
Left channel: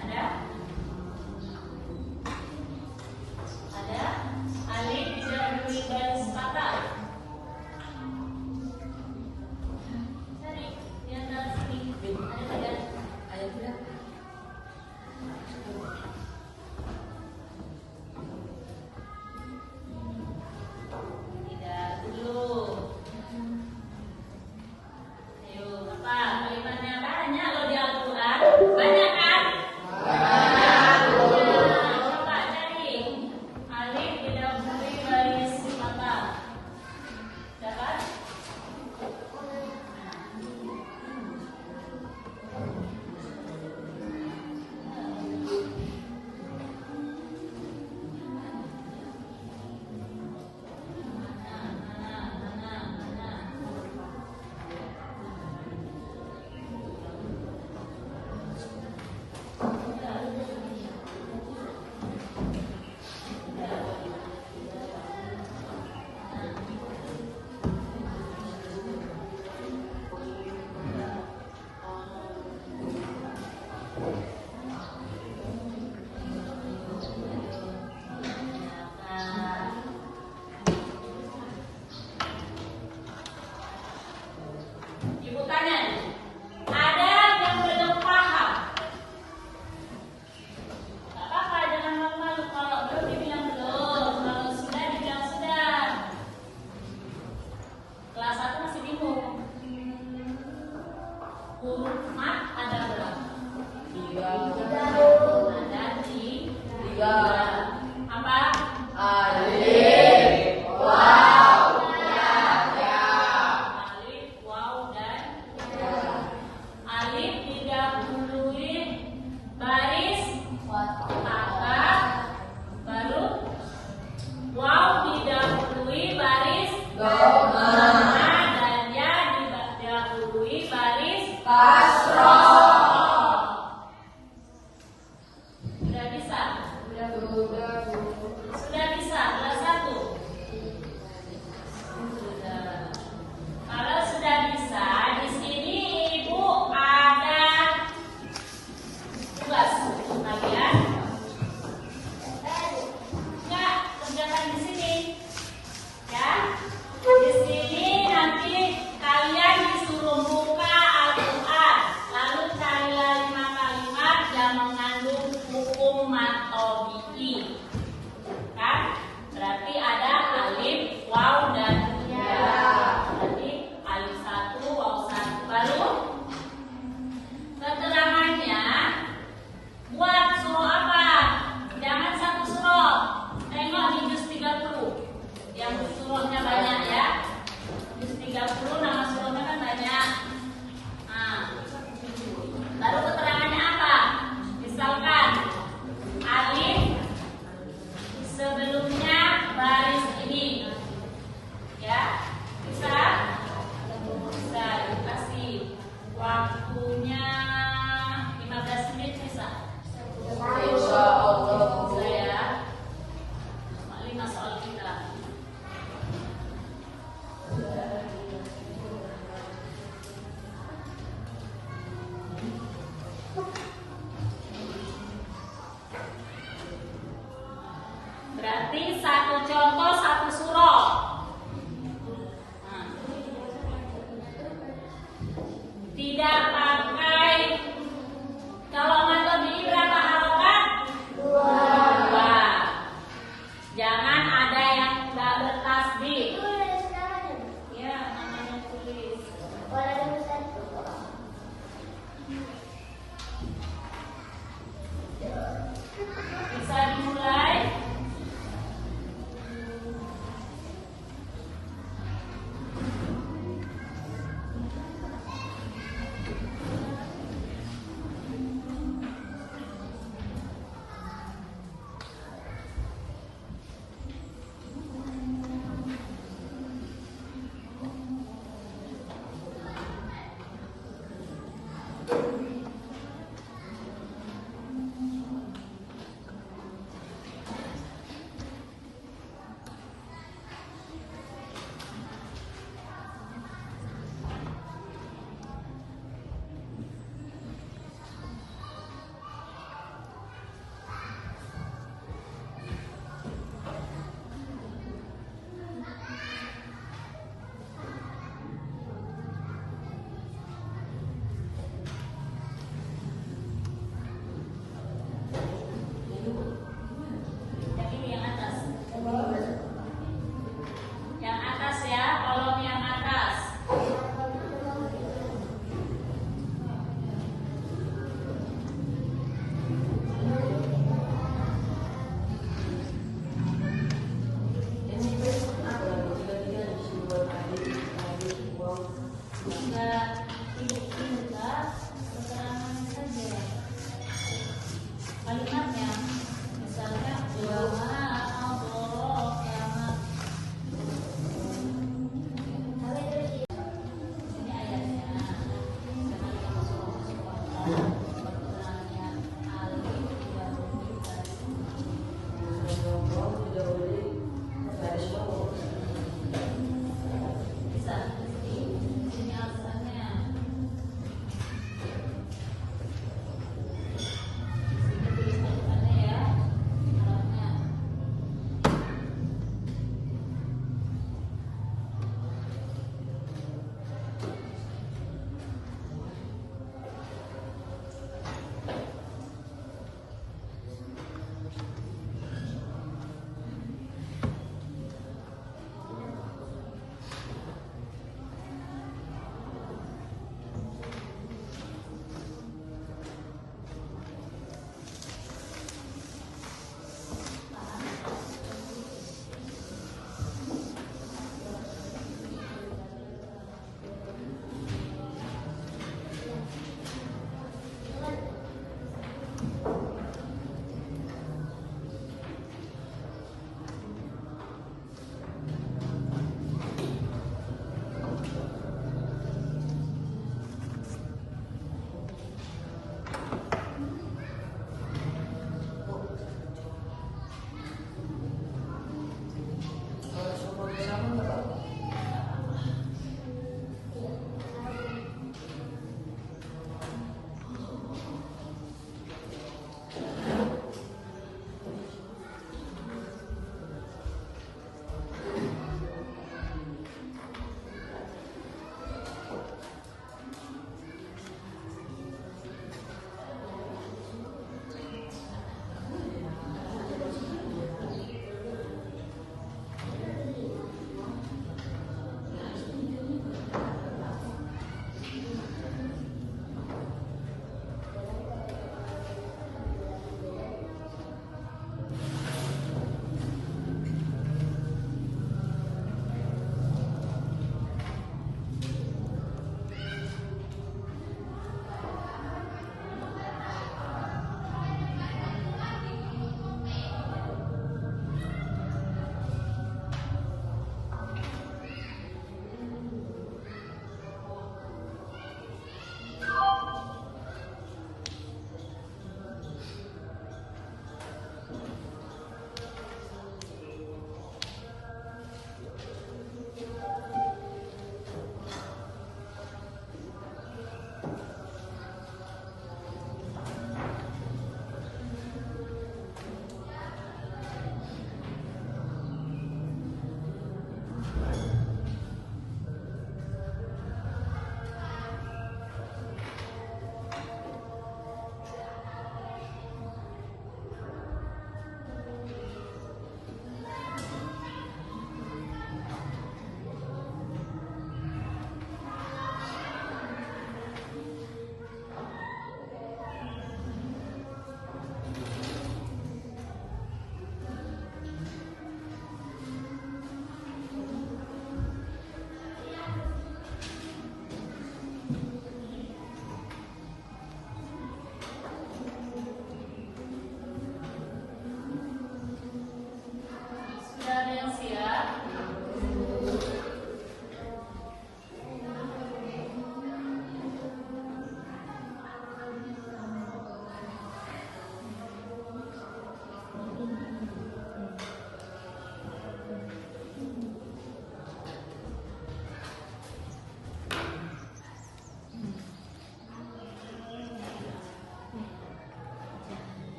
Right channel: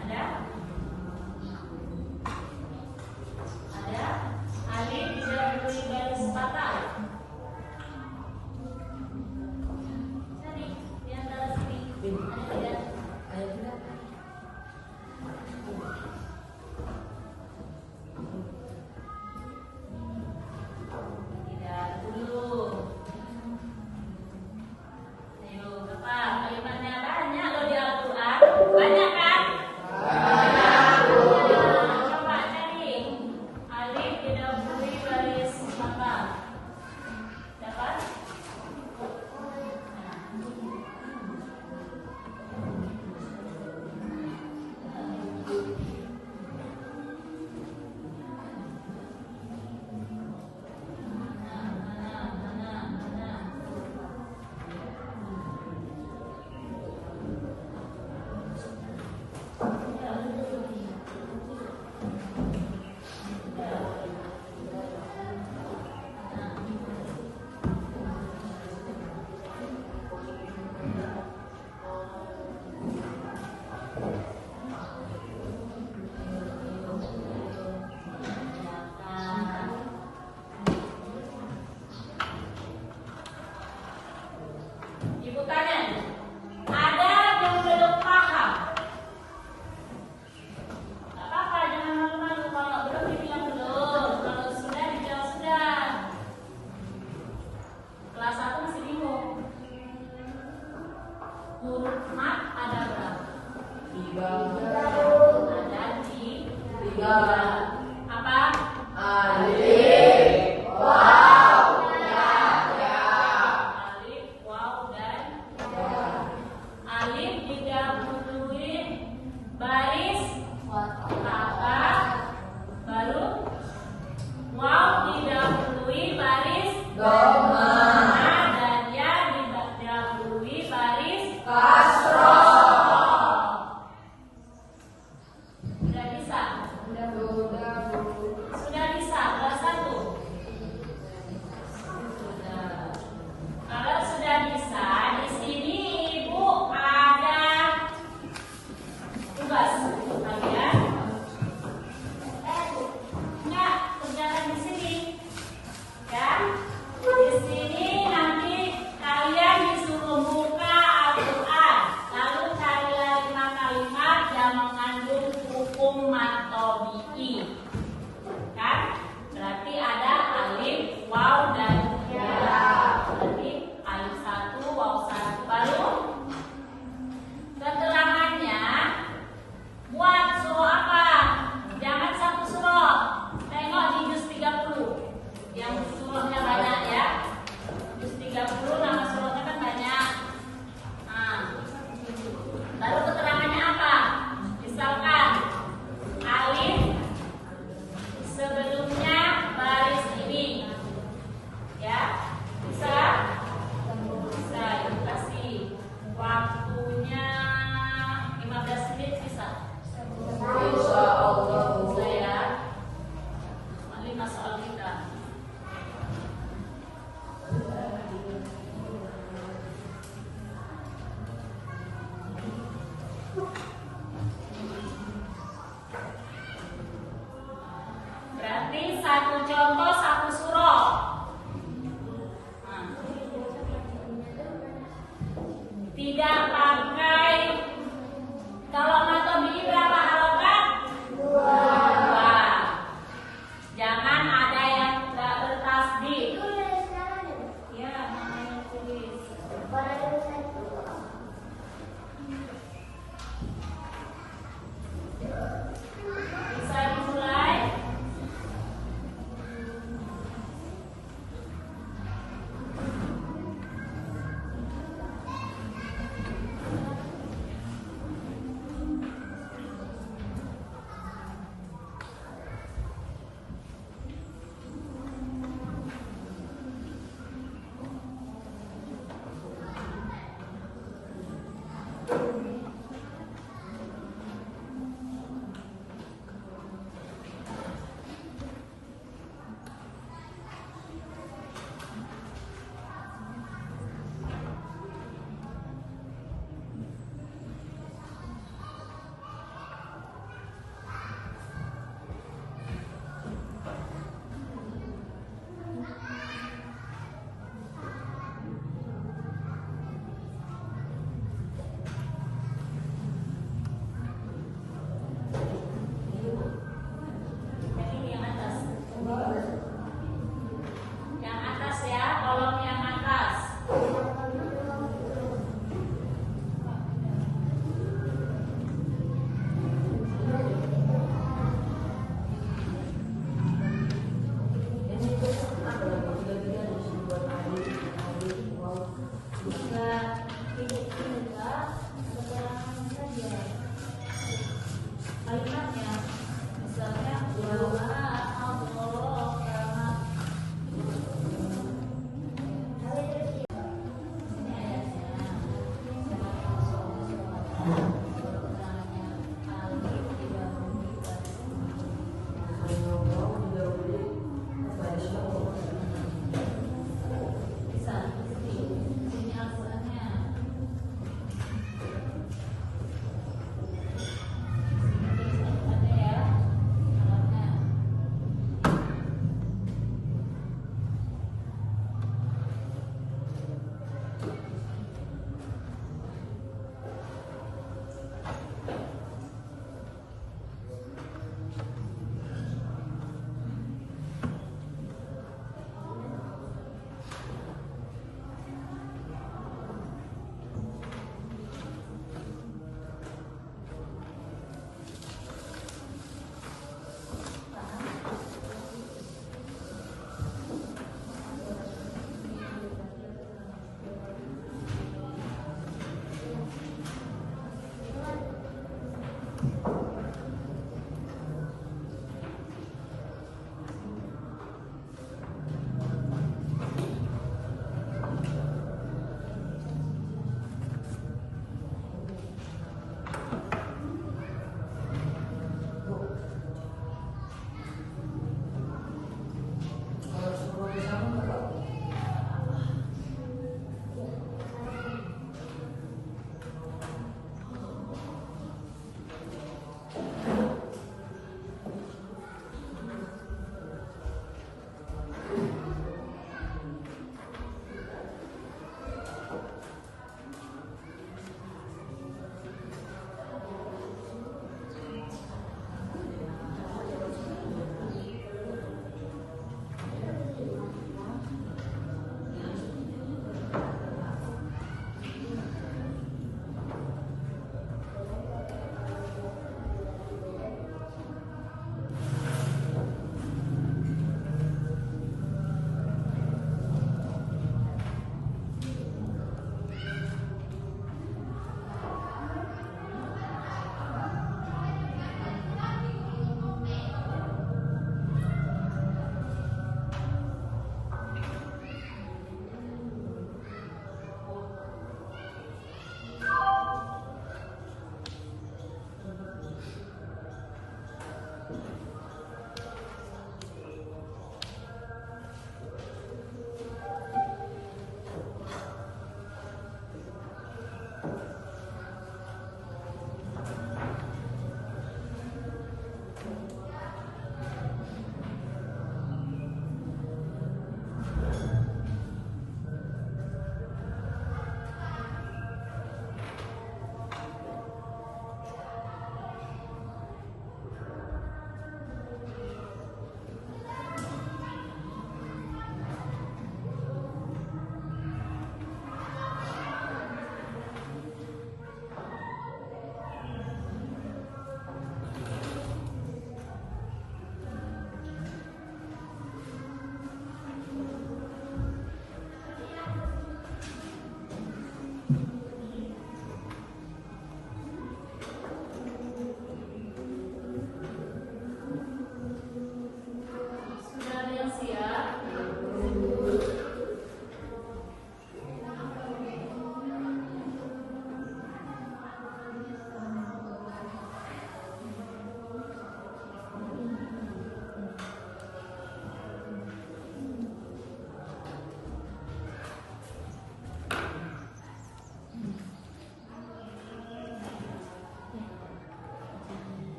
Ada? Ada? Alif didahului baris fathah. Sini, di antara sini. Ada? Ada? Tidak dulu. Ayo, berapa? Kalimatnya banyak loh di Al-Quran. Banyak kan? Coba cari. Alif didahului baris fathah. Dapat? Ibu kanan, ada yang belum paham? Gak apa-apa, jangan malu-malu. Kalau belum dibilang belum, kalau sudah dibilang sudah. Kelas 1 masih bingung. Huruf mat ada berapa? 3. Ada di 3. apa? Alif, waw, ya, Dan yang didahului baris Sudah bisa? Sudah bisa, kelas 1? Sudah. Kalau sudah bisa, di sini Ibu ada tugas untuk kalian. Enggak, kerjakan di sini. Ya. Di sini nanti kalian disuruh buka Al-Quran. Lalu cari kalimat yang mengandung hukum matobi'i. Kan? Berarti ada alif, waw, dan ya. Berarti alif 1, waw 1. Lalu keterangannya buat surah apa? Jangan satu surah. Tengok di juz 30. Yang surahnya banyak ya. Juz 30 nama surahnya kan banyak. Nah, lalu keterangannya apa? Misalkan alif sebelumnya baris ini. Ya, bisa? Bisa, dikasih waktunya 15 menit bisa? Bisa ya. 5 soal kita. Berarti satu contoh satu surah. Nah. Tidak pakai, kalau matobi'i berapa harokat? 2. Jangan ada yang tidak bertasbih. Ya, namanya tulis. Bisa dimulai. Yang atas ya, kolom yang atas. Kalimatnya, misalnya bisa, ini Al-Qurannya.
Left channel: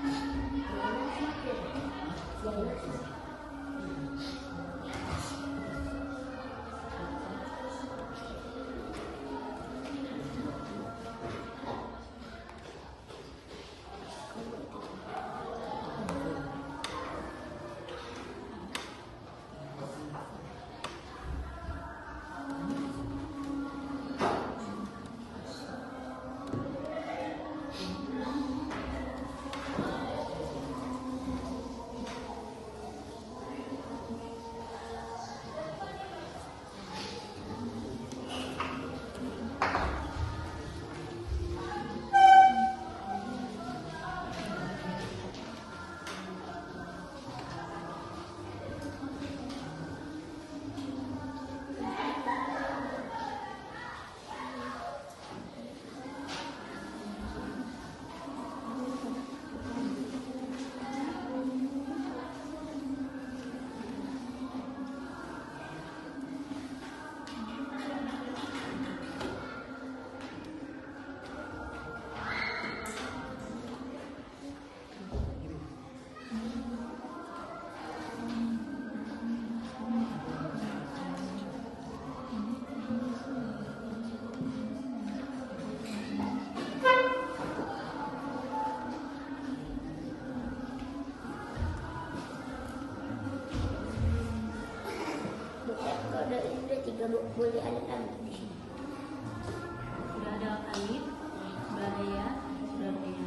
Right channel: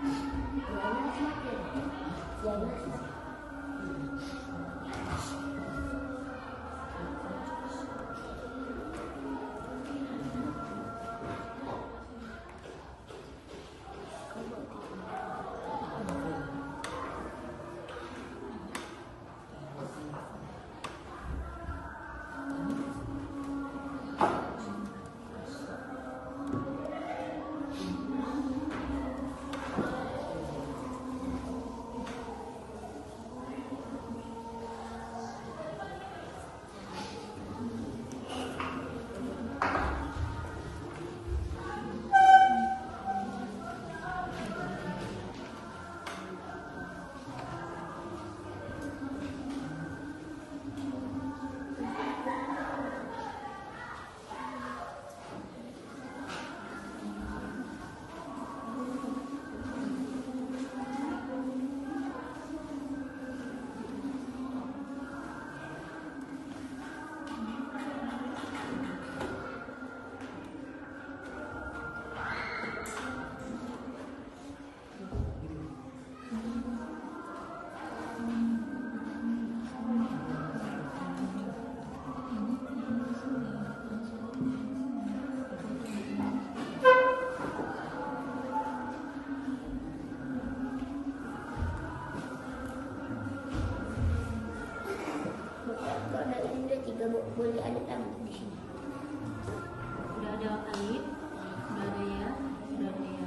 Kalau udah 3 boleh ada tanda di sini. Sudah ada alif, sudah ada ya, sudah ada ya.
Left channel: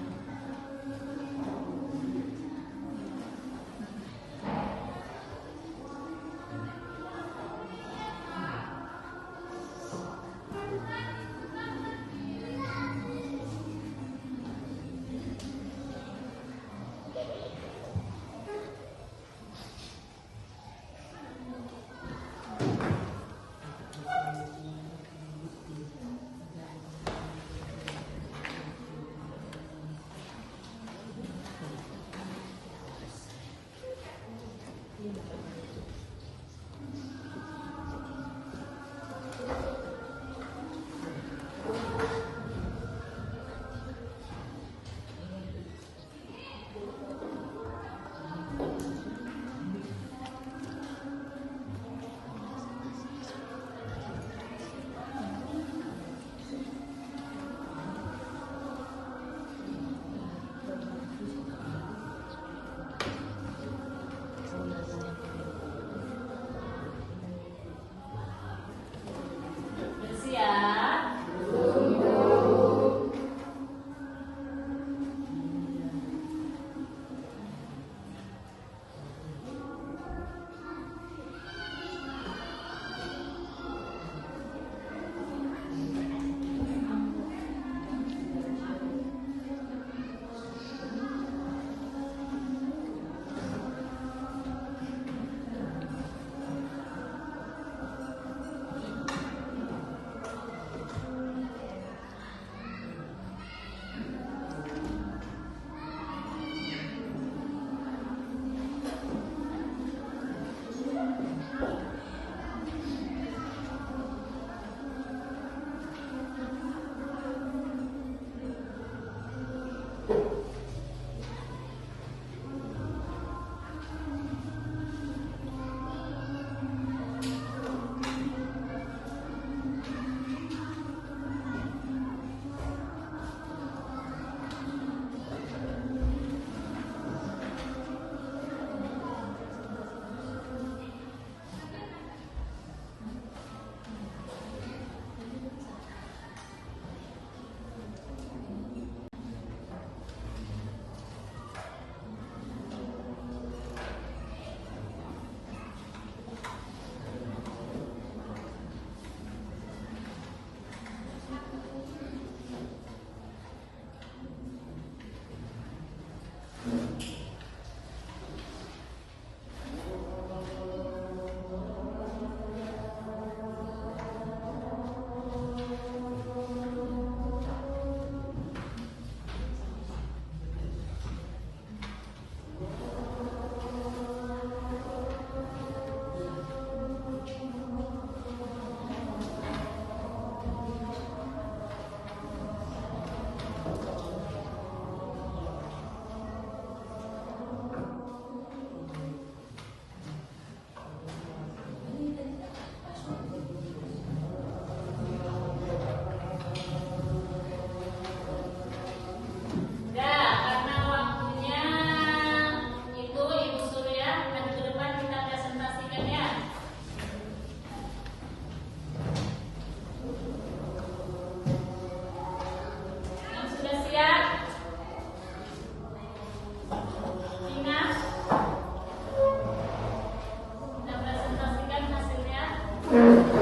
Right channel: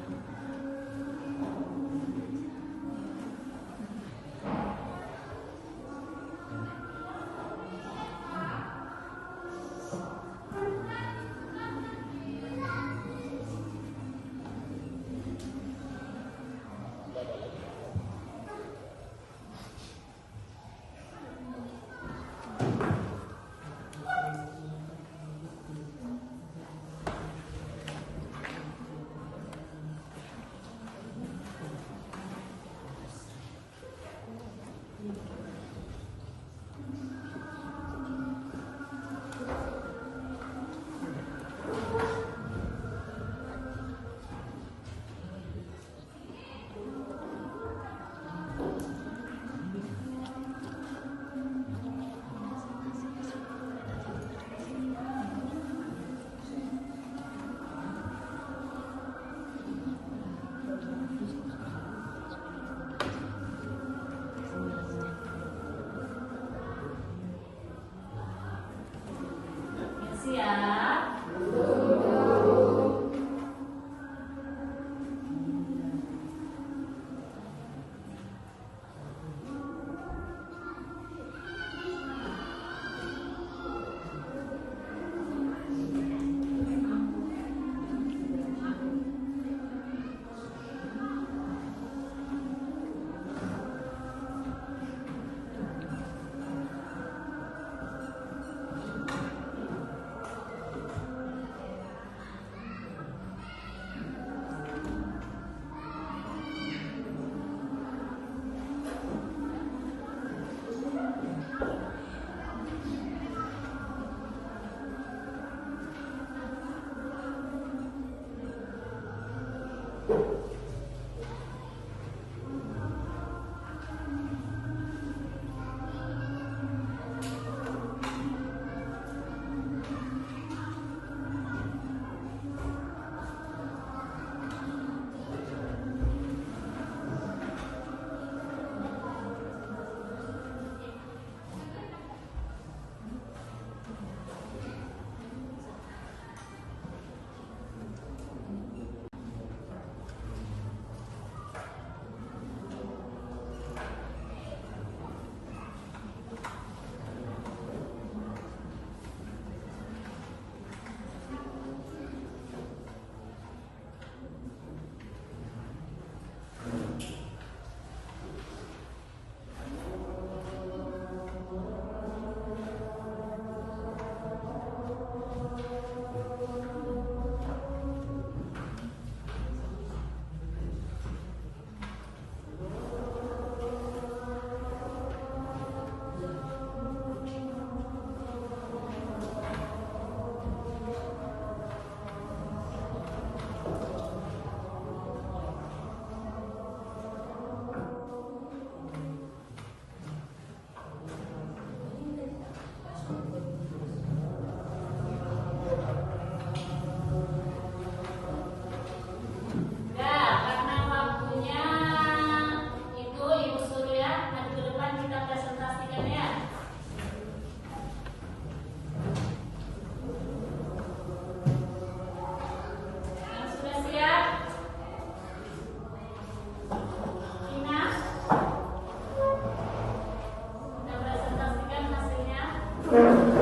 Pertama,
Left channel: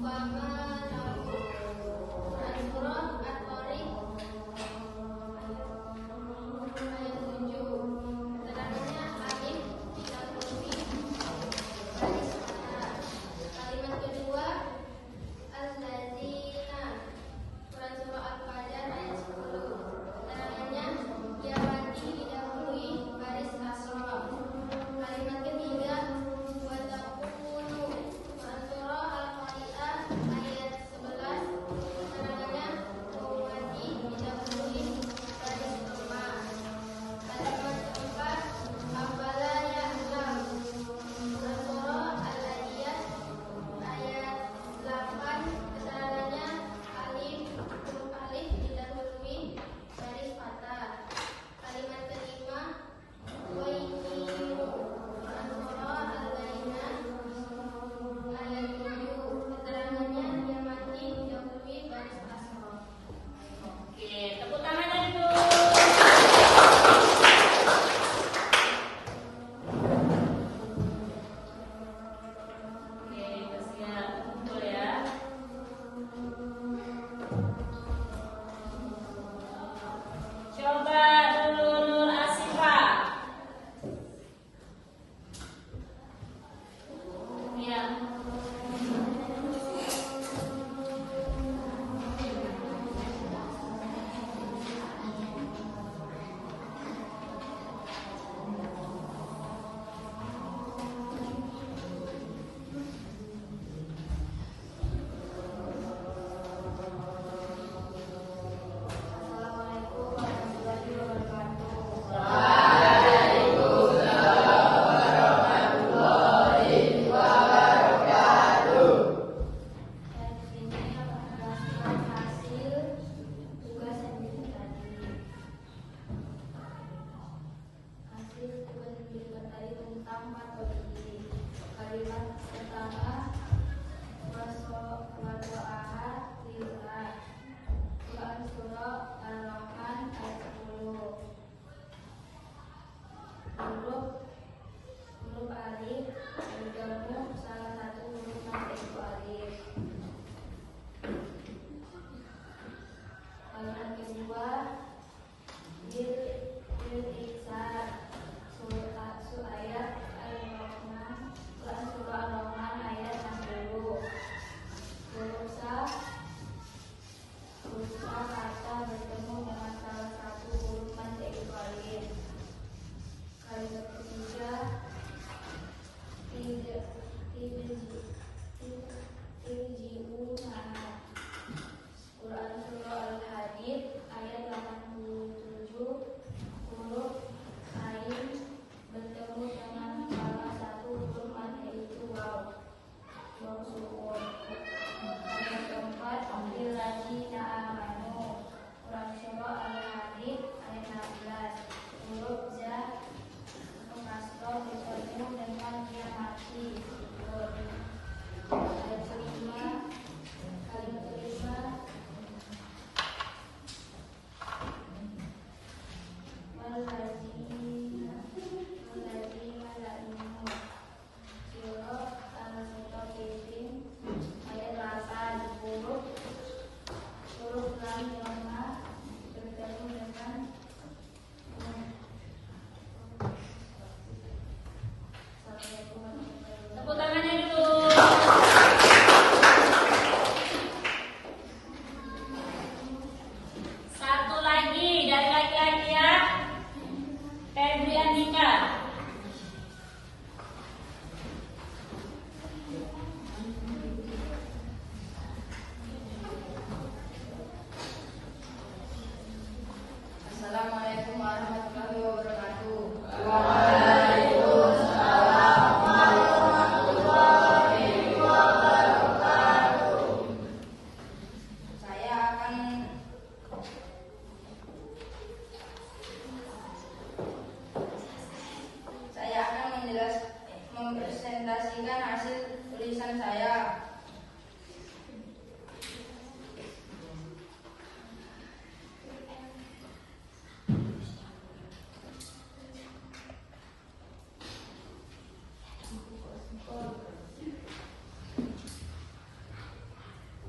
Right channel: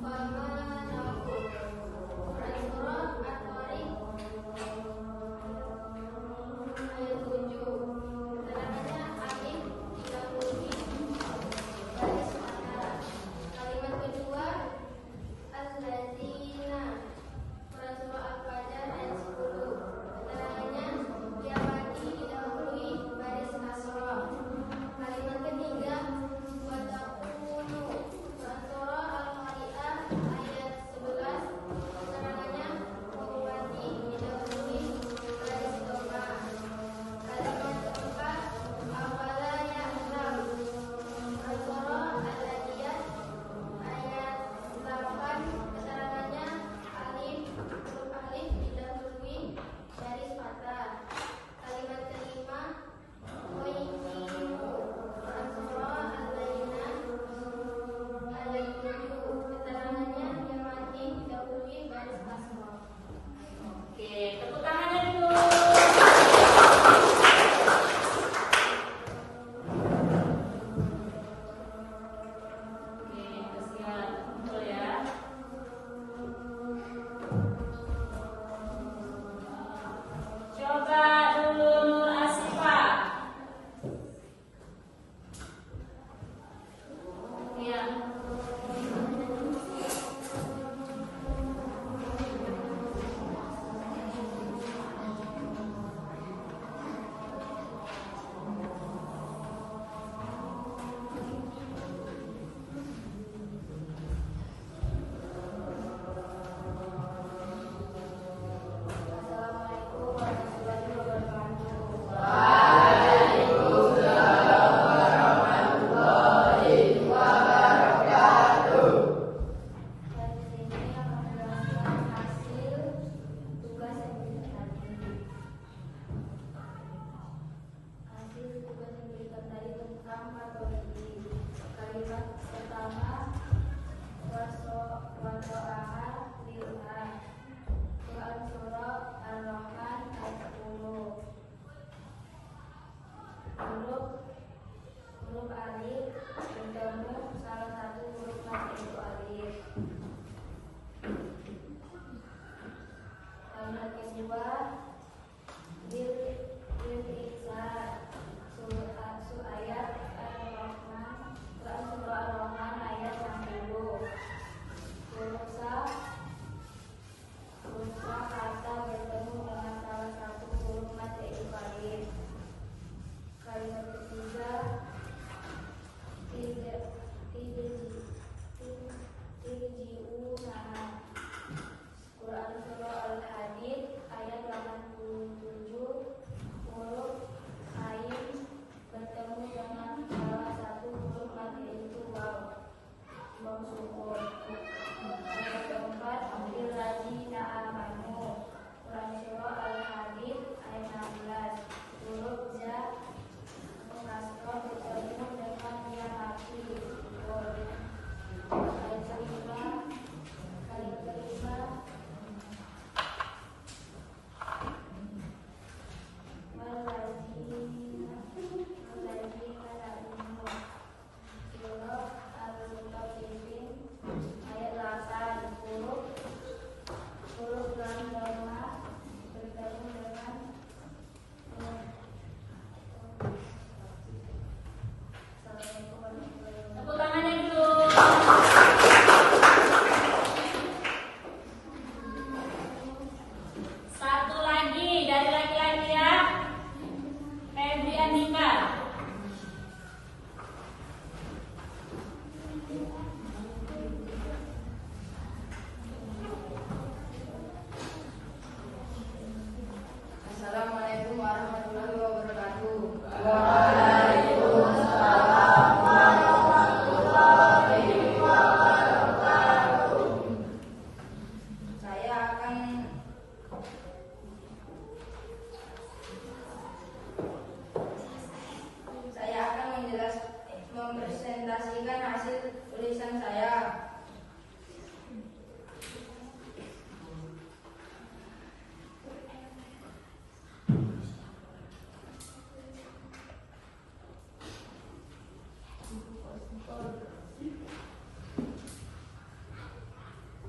bahwa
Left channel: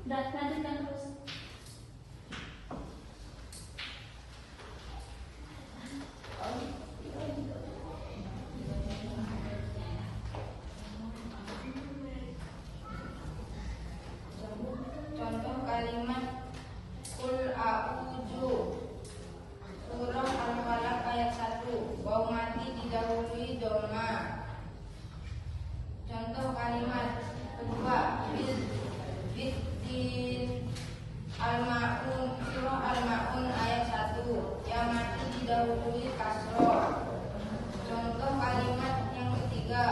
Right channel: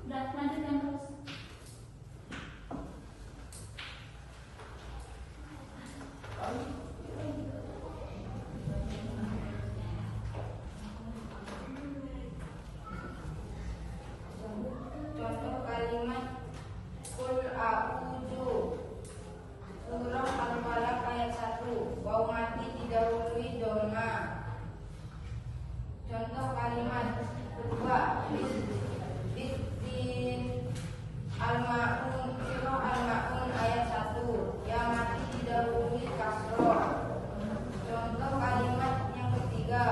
Udah, lanjutkan terus. Contoh kalimat Qul a'udzu. Surah Al-Falaq ayat 1. Waw mati didahului doma. Contoh kalimat kedua Biddin Al-Ma'un. Surah Al-Ma'un ayat 1. Yang mati didahului kasroh. Contoh kalimat yang ketiga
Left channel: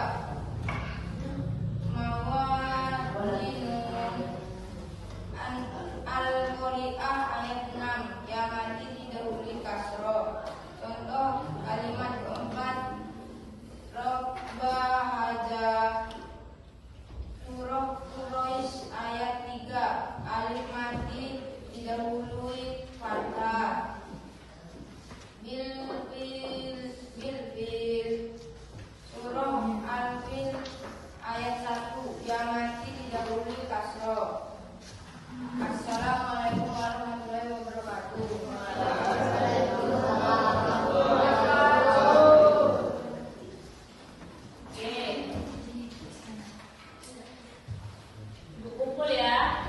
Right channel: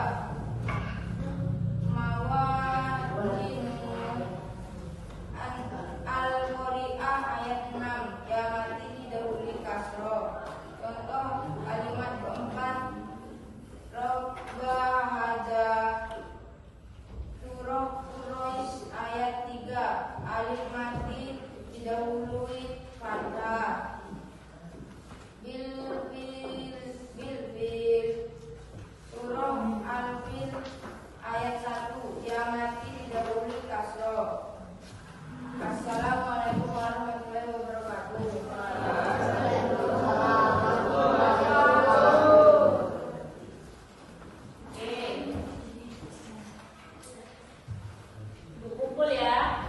Al-Qari'ah ayat 6. Ya mati didahului kasroh. Contoh kalimat keempat Robba haja. Surah Quraisy ayat 3. Alif mati didahului fathah. Bil. Surah Al-Fil ayat 1. Ya mati didahului kasroh. Assalamualaikum warahmatullahi wabarakatuh. Oke. Kumpul ya.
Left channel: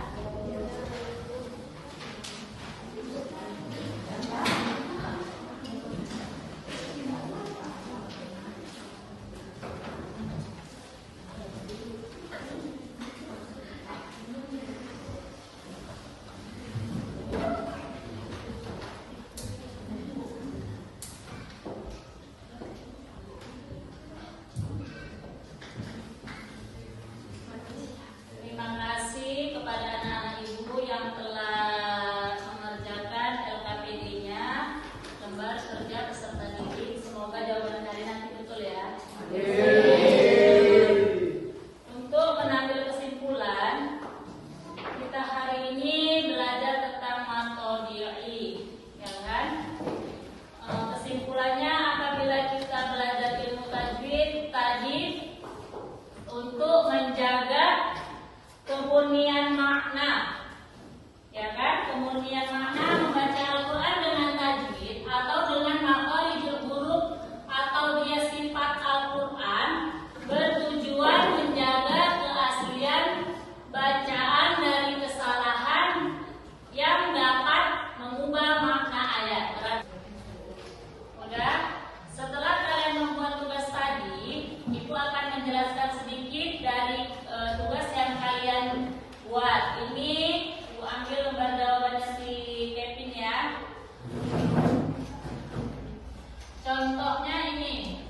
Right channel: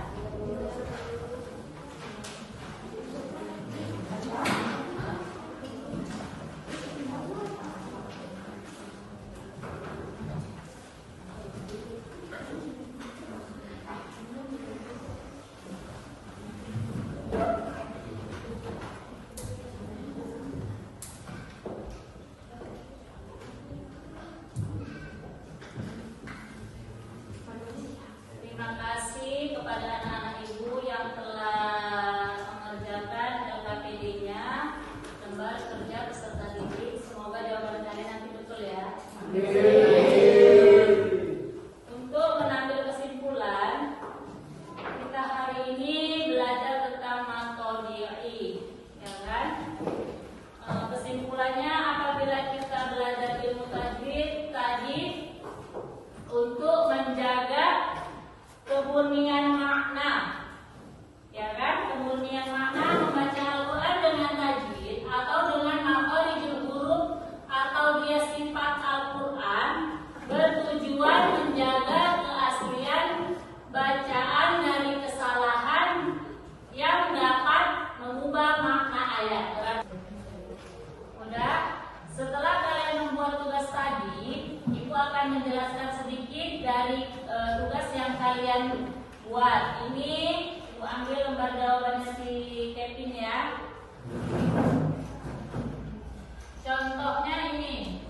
Terima kasih kepada anak-anak ibu yang telah mengerjakan LKPD-nya, lembar kerja peserta didik. Semoga jawaban kalian nanti betul ya. Untuk mengambil kesimpulan, kita hari ini belajar tentang matodiyai, ya kan? Kesimpulannya, apabila kita belajar ilmu tajwid tadi untuk menjaga kemurnian makna, ya kan? Kemurnian makna, membaca Al-Quran dengan tajwid atau dengan makharijul huruf atau dia sifat Al-Quran, bertujuan menjaga keaslian bacaan dari kesalahan yang dapat mengubah makna ayat. Udah? Setelah kalian membuat tugas tadi, Ibu akan menjelaskan sedikit dari tugas yang kalian buat. Ini Ibu ambil lembar jawabannya si Kevin ya. Contohnya ini.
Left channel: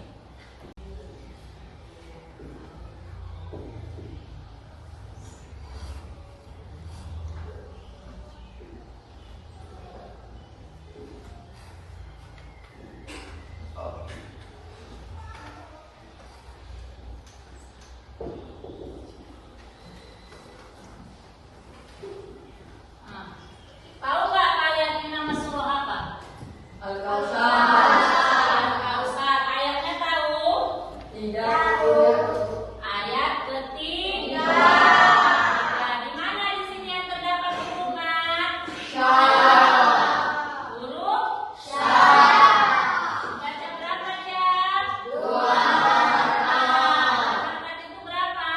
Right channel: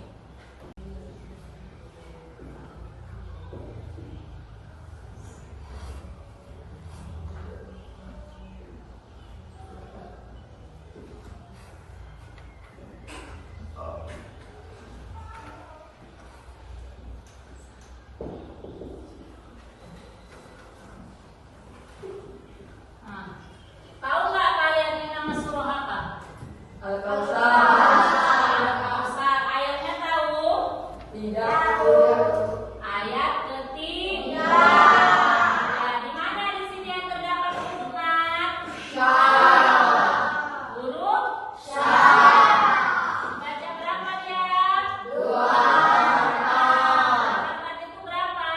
Nah, tahu nggak kalian ini nama surah apa? Al-Kautsar. Ayatnya tahu? Ayat ketiga. Nah, di mana di sini yang terdapat huruf mat? Huruf? Baca berapa ya? 2. Berapa itu berapa?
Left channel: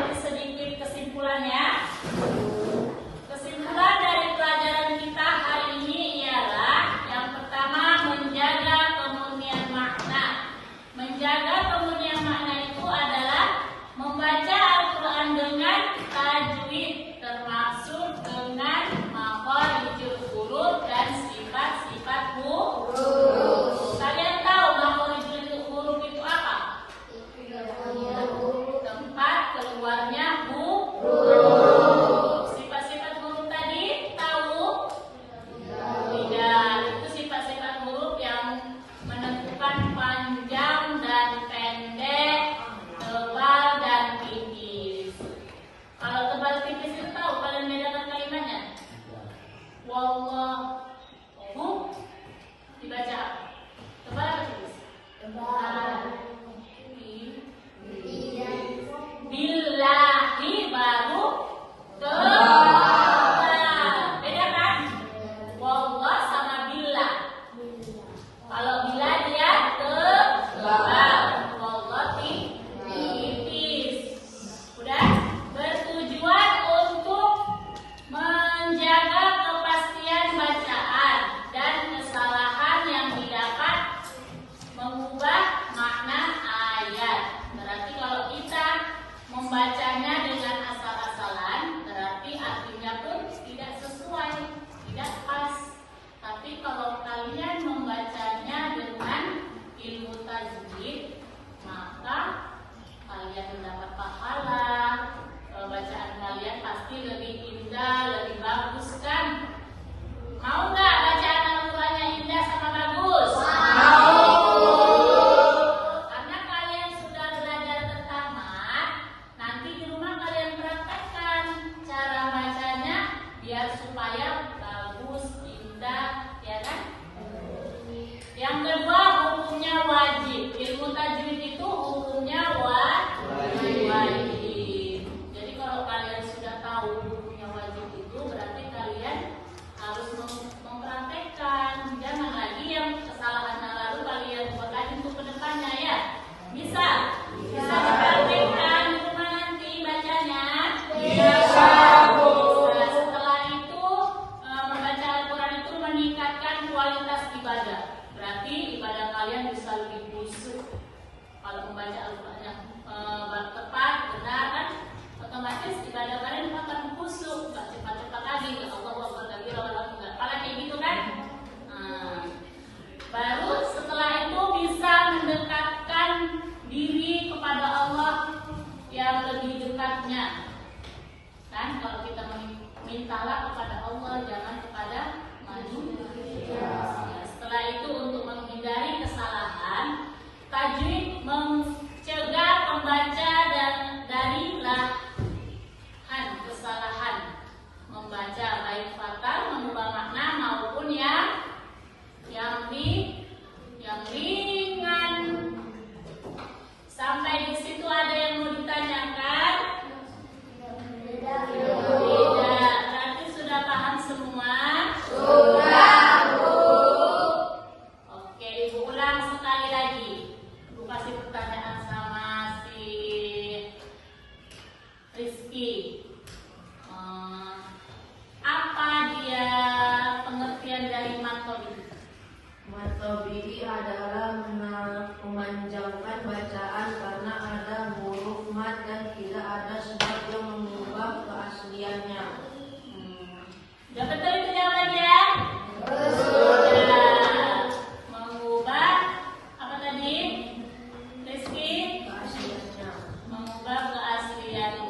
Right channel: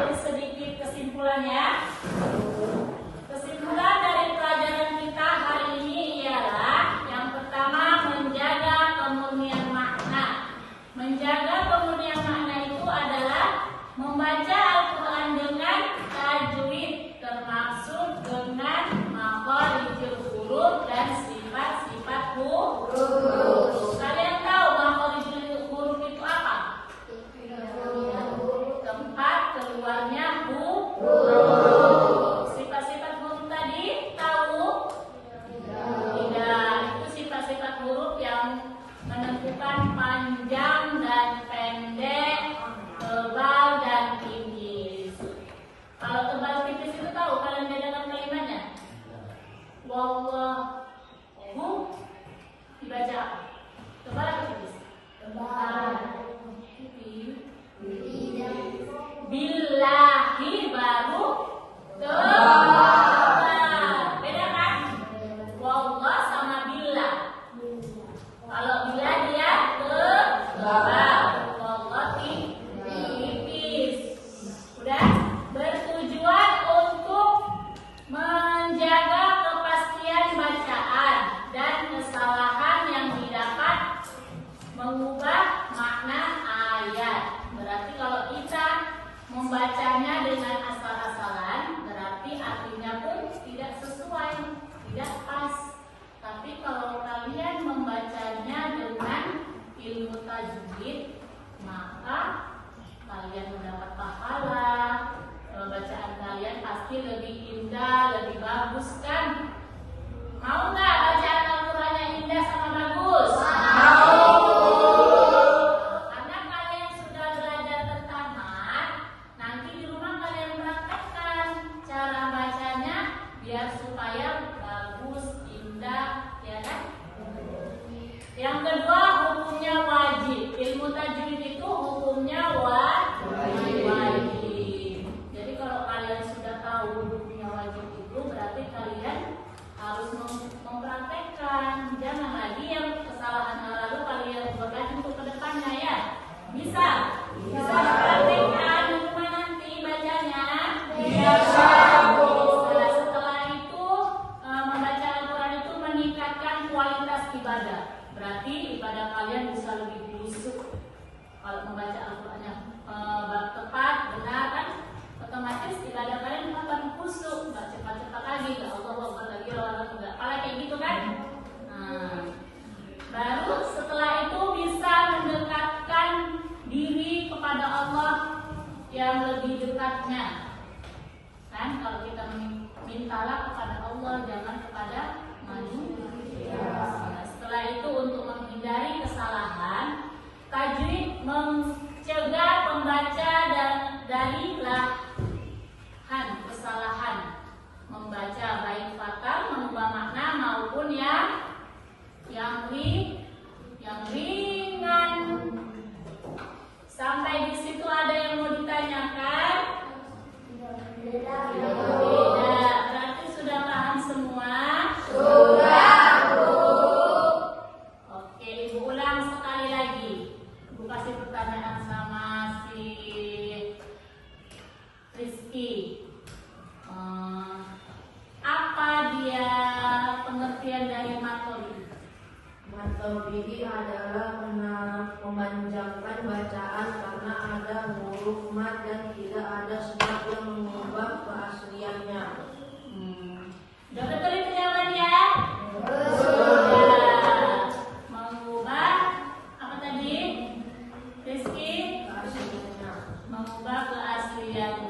menjadi sedikit kesimpulannya. Kesimpulan dari pelajaran kita hari ini ialah yang pertama, menjaga kemurnian makna. Menjaga kemurnian makna itu adalah membaca Al-Quran dengan tajwid, termasuk dengan makharijul huruf dan sifat-sifat huruf. Kalian tahu makharijul huruf itu apa? Tempat keluarnya huruf. Sifat-sifat huruf tadi tahu? Tidak. Itu sifat-sifat huruf yang menentukan panjang dan pendek, tebal dan tipis. Kalau tebal tipis itu tahu kalian bedakan kalimatnya? Wallahu dibaca tebal atau tipis? Tebal. Billahi baru tebal. Beda kan? Wallah sama billah. Kalau billah dia tebal, wallah tipis. Udah? Bertujuan untuk menjaga kepastian bacaan dan kesalahan yang didapat mengubah makna ayat. Berarti kalau kita membacanya dengan asal-asalan, berarti artinya pun tidak sesuai, tidak pas. Tapi kalau kalian membacanya dengan ilmu tajwid, maka kalian mendapat pahala. Bacaan kalian pasti lebih indah, lebih bagus kan? Mau nggak bacaan Al-Qurannya indah sama bagus? Karena kalian sudah belajar tertamat, nanti di rumah kalian praktekkan cara bacanya biar supaya bagus, indah, ya kan? Yang kedua, hukumnya wajib. Ilmu tajwid itu hukumnya wajib. Jadi kalau kalian sudah tahu hukumnya wajib itu, berarti kalian harus mempraktekkan. Jangan lagi yang kesalahan lalu kalian buat lagi untuk kedepannya ya. Bisa dipraktekkan di rumah nanti bacanya. Setelah itu membaca Al-Quran itu meningkatkan kualitas ibadah. Berarti ibadah kalian bisa lebih khusyuk. Kalau membaca Al-Qurannya tepat, benar kan? Otomatis ibadah kalian akan khusyuk, cepat-cepat lagi, ya Allah lagi rawat juga, kayak gitu kan? Baru setelah itu bisa mendekatkan diri kepada Allah yang lebih dekatnya, kan? Kalau kita mintalah kepada Allah, jangan kepada manusia. Setelah itu untuk menghindari kesalahan, tajwid mencegah pembaca dari kesalahan membaca baik fatal, mengubah makna maupun yang ringan. Sampai di situ ada yang mau ditanyakan? Tidak. Berarti sudah paham semua? Sudah, Bu. Oke, Ibu ulang sekali lagi. Ibu kasih pertanyaan sama si Rizky. Apa dia pengertian dari matodi? Matodi adalah memanjangkan bacaan karena ada huruf mat dan tidak ada sebab yang mengubah keasliannya. Udah betul itu jawabannya? Mengubah apa tadi? Rizky? Mengubah keasliannya.